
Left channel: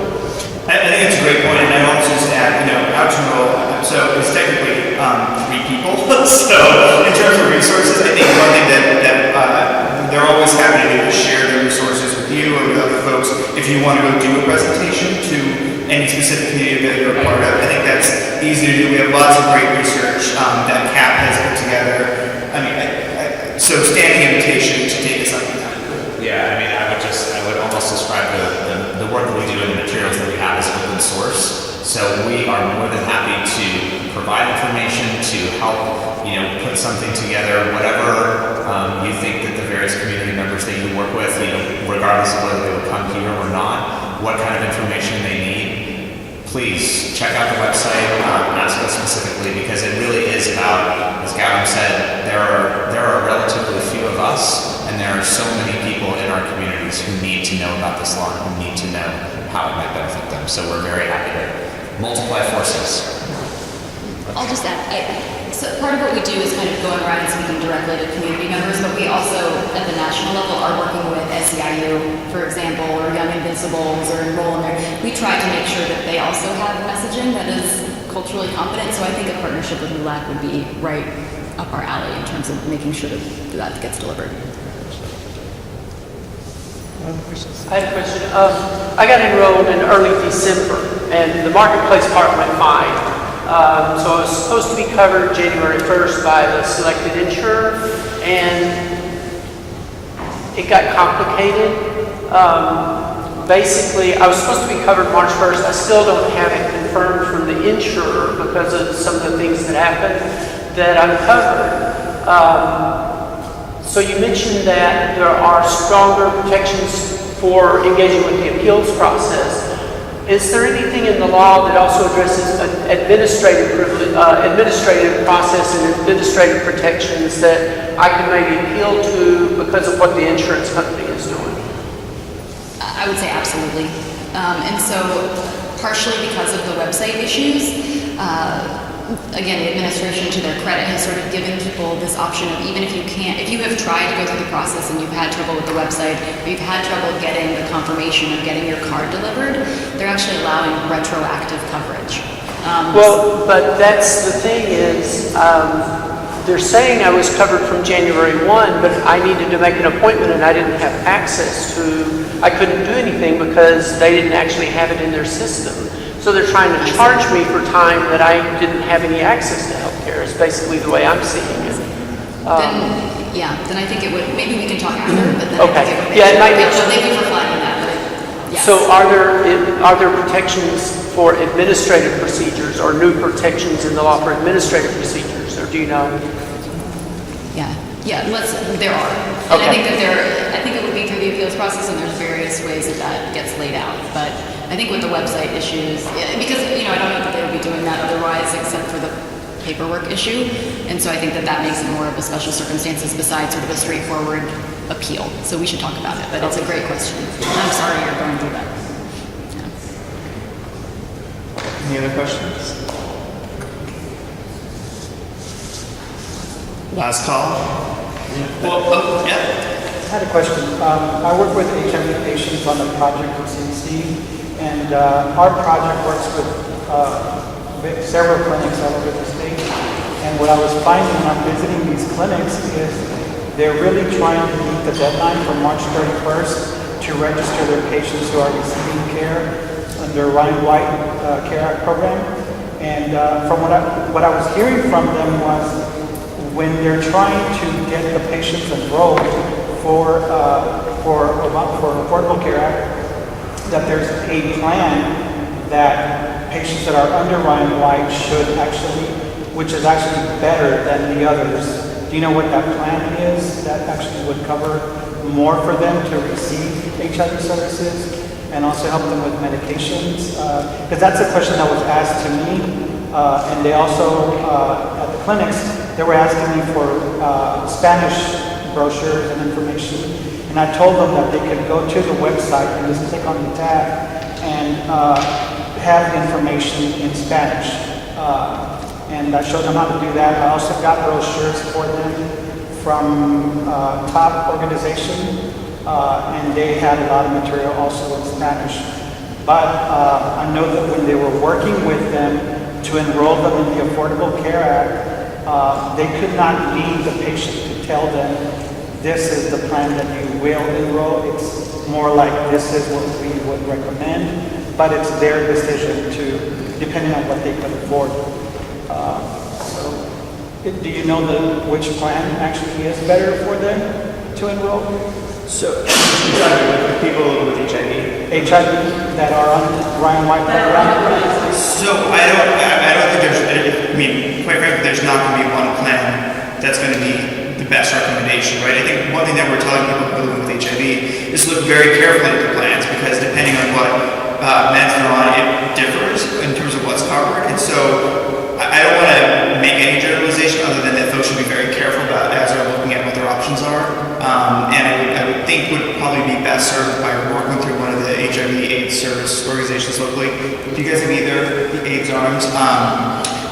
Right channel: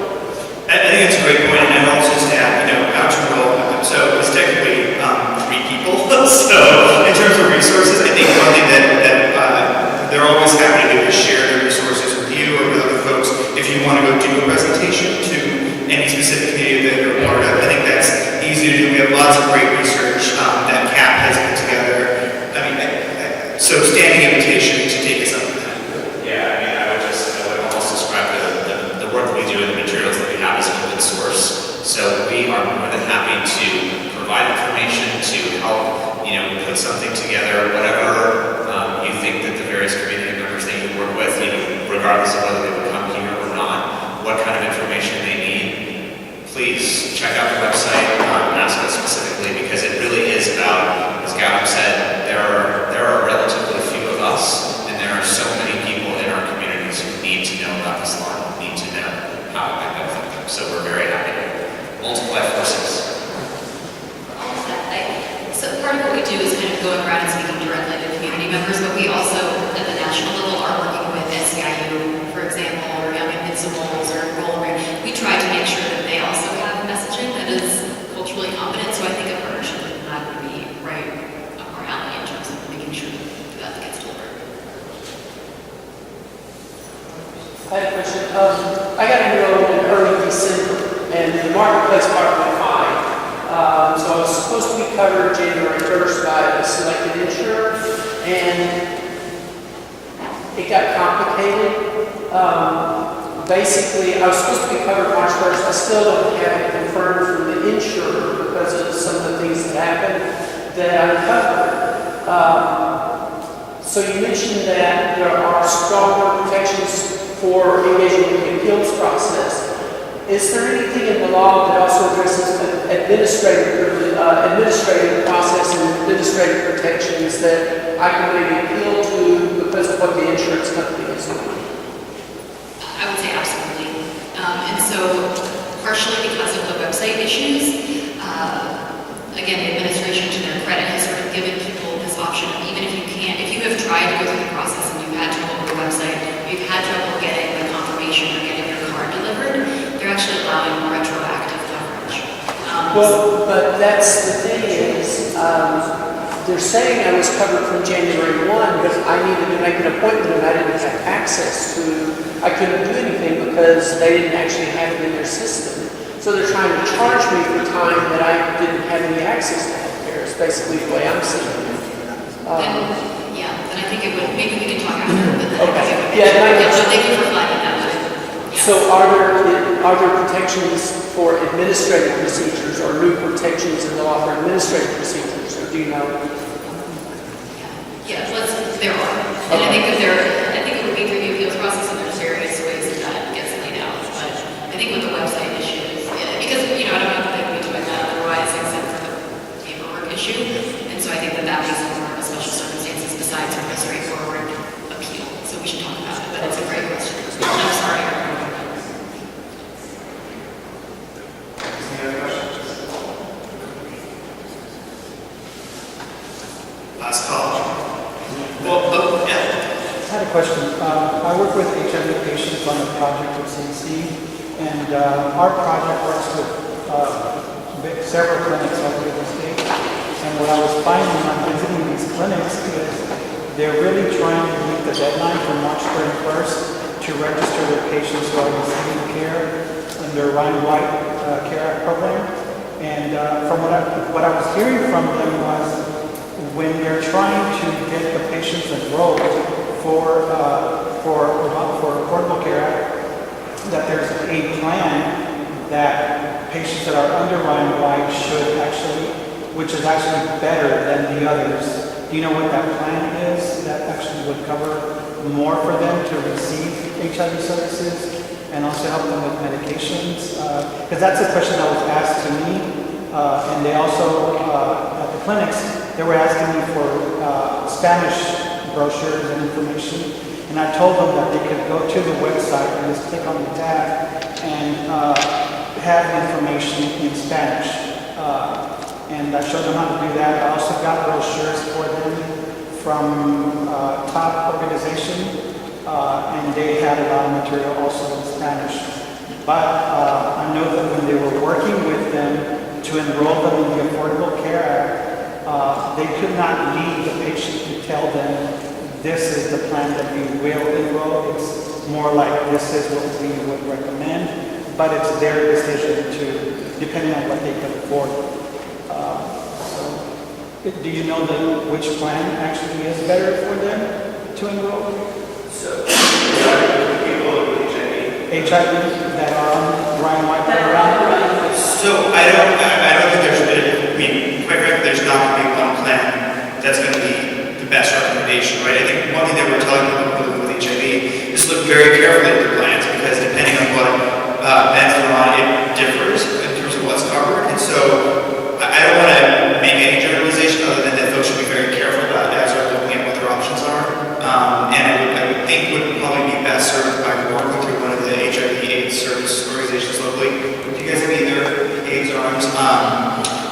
I think it's a great point, and I will just add, how to roll. So it's technically 3 people. So in terms of resources, I think one thing that they're always happy to do is share their resources with you or with other folks. If you want to go do a presentation to any specific community that you're a part of, I think that's easy to do. We have lots of great research that CAP has put together. I mean, so standing invitation to take us up on that. Yeah, I mean, I would almost describe the work that we do and the materials that we have as open source. So we are more than happy to provide information to help, put something together, whatever you think that the various community members that you work with, regardless of whether they would come here or not, what kind of information they need, please check out the website, ask us specifically, because it really is about, as Gavin said, there are relatively few of us, and there are so many people in our communities who need to know about this law, who need to know how it might benefit them. So we're very happy to multiply forces. I'll just add, so part of what we do is kind of going around and speaking directly to community members, but we also, at the national level, are working with SEIU, for example, or Young Invincibles, or Enrollment. We try to make sure that they also have messaging that is culturally competent, so I think a partnership with the lab would be right up our alley in terms of making sure that gets delivered. I had a question. I got enrolled in early December, and the marketplace part went fine. So I was supposed to be covered January 1st by the selected insurer, and it got complicated. Basically, I was supposed to be covered March 1st. I still don't have it confirmed from the insurer because of some of the things that happened that I'm covered. So you mentioned that there are stronger protections for engaging with the appeals process. Is there anything in the law that also addresses administrative process and administrative protections that I can maybe appeal to because of what the insurance company is doing? I would say absolutely. And so partially because of the website issues, again, the administration, to their credit, has sort of given people this option of even if you have tried to go through the process and you've had trouble with the website, or you've had trouble getting the confirmation of getting your card delivered, they're actually allowing retroactive coverage. Well, but that's the thing is, they're saying I was covered from January 1, but I needed to make an appointment and I didn't have access to, I couldn't do anything because they didn't actually have it in their system. So they're trying to charge me for time that I didn't have any access to healthcare is basically the way I'm seeing it. Then I think it would, maybe we can talk after, but then Okay. I think it would Yeah, it might be- so thank you for flagging that. So are there protections for administrative procedures or new protections in the law for administrative procedures, or do you know? Yeah, there are. And Okay. I think it would be through the appeals process, and there's various ways that gets laid out. But I think with the website issues, because, I don't know that they would be doing that otherwise except for the paperwork issue. And so I think that makes it more of a special circumstances besides sort of a straightforward appeal. So we should talk about it, but it's a great question. I'm sorry you're going through that. Any other questions? Last call. Yeah. I had a question. I work with HIV patients on the project with CDC, and our project works with several clinics all over the state. And what I was finding on visiting these clinics is they're really trying to meet the deadline for March 31st to register their patients who are receiving care under Ryan White Care Act program. And from what I was hearing from them was when they're trying to get the patients enrolled for Affordable Care Act, that there's a plan that patients that are under Ryan White should actually, which is actually better than the others. Do you know what that plan is that actually would cover more for them to receive HIV services and also help them with medications? Because that's a question that was asked to me. And they also, at the clinics, they were asking me for Spanish brochures and information. And I told them that they could go to the website and just click on the tab and have information in Spanish. And I showed them how to do that. I also got brochures for them from top organization, and they had a lot of material also in Spanish. But I know that when they were working with them to enroll them in the Affordable Care Act, they could not leave the patient to tell them, this is the plan that you will enroll. It's more like, this is what we would recommend, but it's their decision to, depending on what they can afford. Do you know which plan actually is better for them to enroll? So, people with HIV that are on Ryan White program? So I don't think there's, quite frankly, there's not going to be one plan that's going to be the best recommendation, right? I think one thing that we're telling people living with HIV is look very carefully at the plans, because depending on what meds they're on, it differs in terms of what's covered. And so I don't want to make any generalization other than that folks should be very careful about as they're looking at what their options are. And I would think would probably be best served by working through one of the HIV/AIDS service organizations locally. Do you guys have either AIDS arms?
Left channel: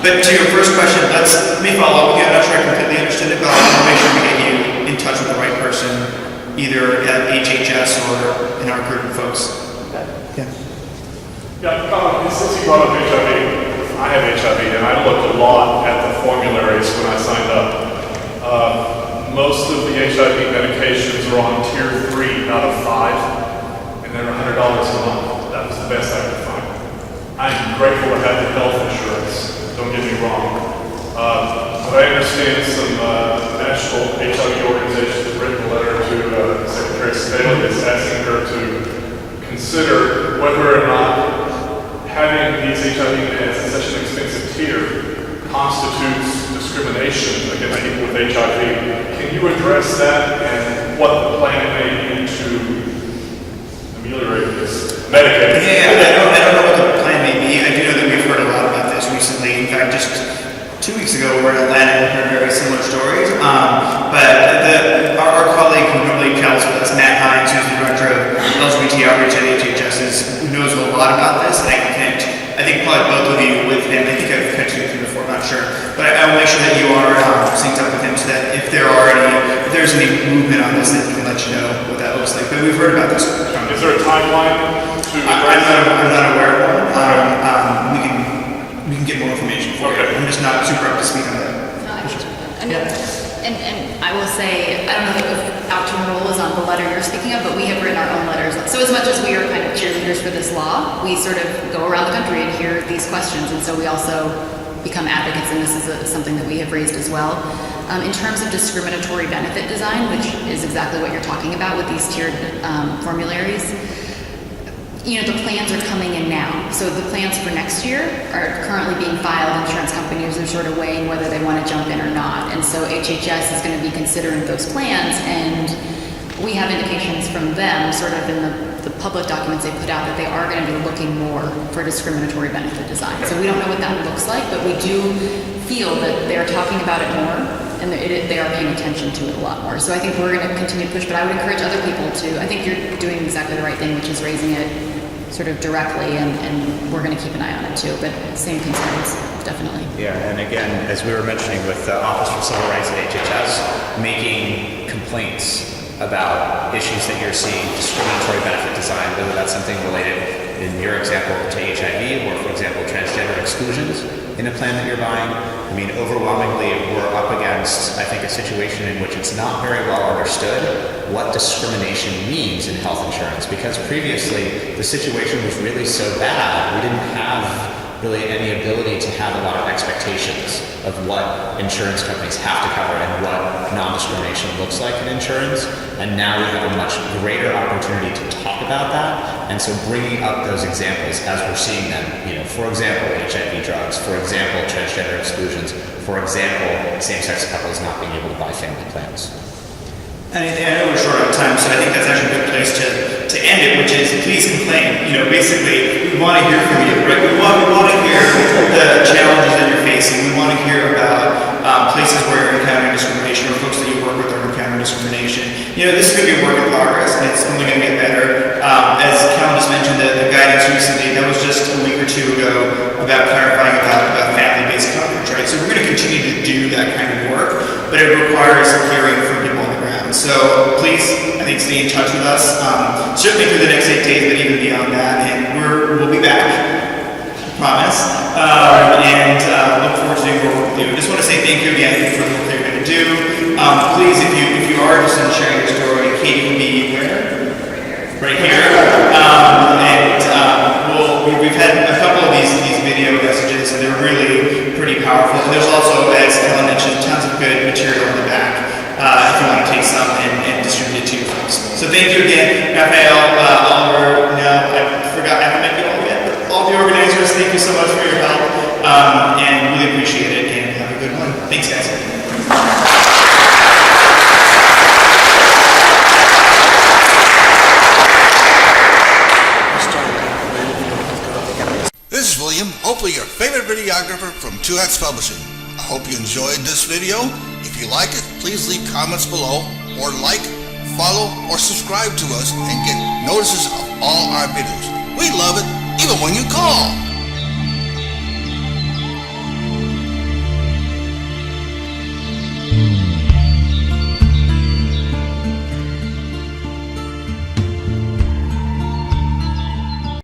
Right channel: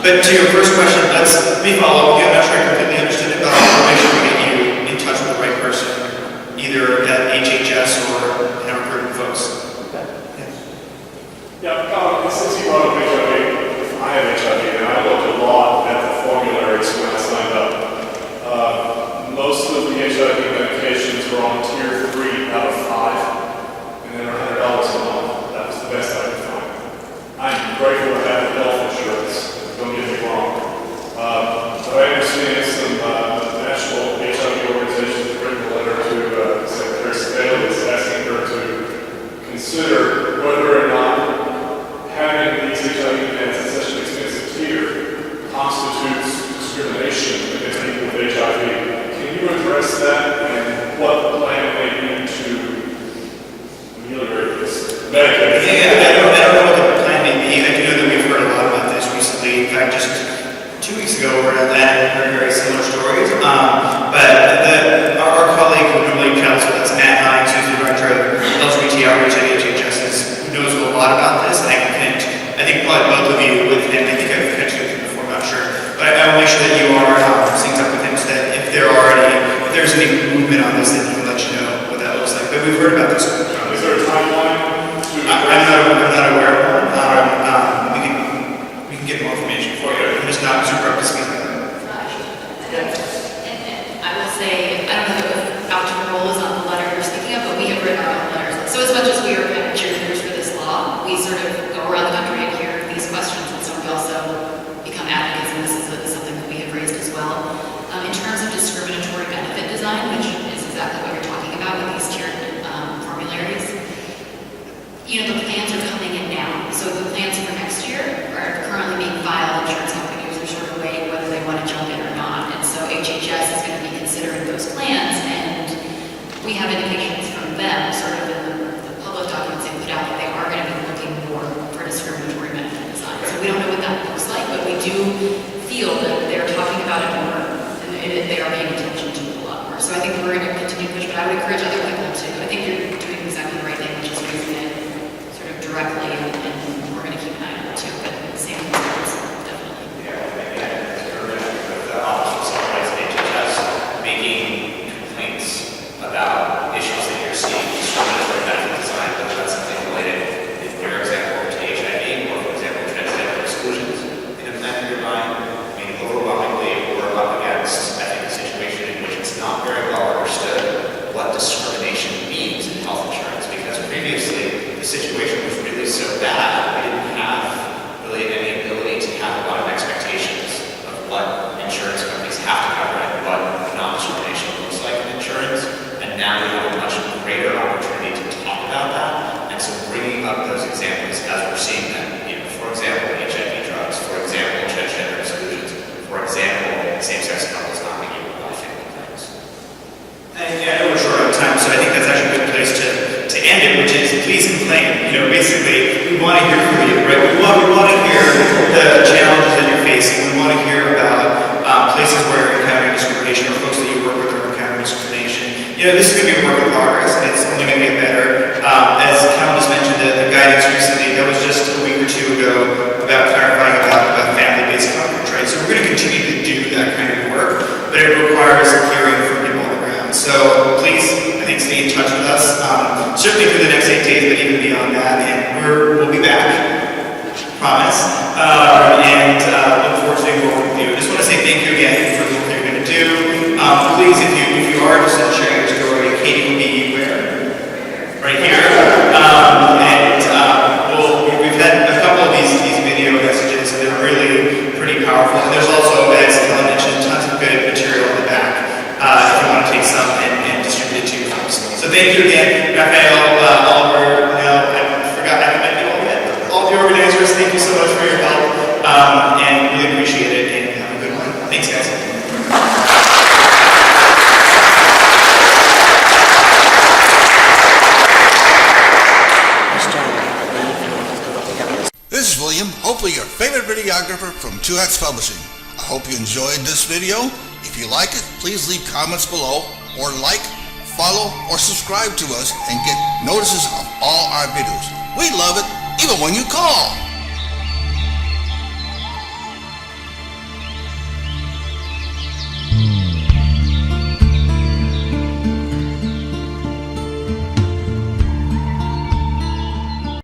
But to your first question, let me follow up with you. I'm not sure I completely understood it, but I'll make sure we get you in touch with the right person, either at HHS or in our group of folks. Yeah, since you brought up HIV, I have HIV, and I looked a lot at the formularies when I signed up. Most of the HIV medications are on tier 3 out of 5, and they're $100 a month. That was the best I could find. I'm grateful to have the health insurance, don't get me wrong. But I understand some national HIV organizations written a letter to Secretary Sebelius asking her to consider whether or not having these HIV meds at such an expensive tier constitutes discrimination against people with HIV. Can you address that and what the plan may be to ameliorate this? Medicaid. Yeah, I don't know what the plan may be. I do know that we've heard a lot about this recently. In fact, just 2 weeks ago, we were in Atlanta and heard very similar stories. But our colleague who really counts with us, Matt Hines, who's the director of LGBT outreach at HHS, knows a lot about this. And I think probably both of you with him. I think I've connected with him before, I'm not sure. But I will make sure that you are synced up with him so that if there's any movement on this, then he can let you know what that looks like. But we've heard about this. Is there a timeline? I'm not aware of one. We can get get more information for you. I'm just not super up to speed on that. And I will say, I don't know if outdoor role is on the letter you're speaking of, but we have written our own letters. So as much as we are kind of cheerleaders for this law, we sort of go around the country and hear these questions, and so we also become advocates, and this is something that we have raised as well. In terms of discriminatory benefit design, which is exactly what you're talking about with these tiered formularies, you know, the plans are coming in now. So the plans for next year are currently being filed. Insurance companies are sort of weighing whether they want to jump in or not. And so HHS is going to be considering those plans, and we have indications from them, sort of in the public documents they put out, that they are going to be looking more for discriminatory benefit design. So we don't know what that looks like, but we do feel that they're talking about it more, and they are paying attention to it a lot more. So I think we're going to continue to push, but I would encourage other people to. I think you're doing exactly the right thing, which is raising it sort of directly, and we're going to keep an eye on it too. But same concerns, definitely. Yeah, and again, as we were mentioning with the Office of Civil Rights at HHS, making complaints about issues that you're seeing, discriminatory benefit design, whether that's something related, in your example, to HIV, or for example, transgender exclusions in a plan that you're buying. I mean, overwhelmingly, we're up against, I think, a situation in which it's not very well understood what discrimination means in health insurance, because previously the situation was really so bad, we didn't have really any ability to have a lot of expectations of what insurance companies have to cover and what non-discrimination looks like in insurance. And now we have a much greater opportunity to talk about that. And so bringing up those examples as we're seeing them, you know, for example, HIV drugs, for example, transgender exclusions, for example, same-sex couples not being able to buy family plans. And I know we're short on time, so I think that's actually a good place to end it, which is please complain. You know, basically, we want to hear from you, right? We want to hear the challenges that you're facing. We want to hear about places where you're encountering discrimination, or folks that you work with are encountering discrimination. You know, this is going to be a work in progress, and it's only going to get better. As Cal just mentioned, the guidance recently, that was just a week or two ago, about clarifying about family-based coverage, right? So we're going to continue to do that kind of work, but it requires hearing from people on the ground. So please, I think, stay in touch with us, certainly through the next 8 days, but even beyond that, and we'll be back, promise, and look forward to doing more with you. I just want to say thank you again for the work that you're going to do. Please, if you are interested in sharing your story, Katie will be where? Right here. We've had a couple of these video messages, and they're really pretty powerful. And there's also, as Ellen mentioned, tons of good material in the back if you want to take some and distribute it to your folks. So thank you again, Raphael, Oliver. No, I forgot, I haven't met you all yet. All the organizers, thank you so much for your help, and really appreciate it, and have a good one. Thanks, guys. This is William, hopefully your favorite videographer from Two Hats Publishing. I hope you enjoyed this video. If you like it, please leave comments below, or like, follow, or subscribe to us and get notices of all our videos. We love it, even when you call.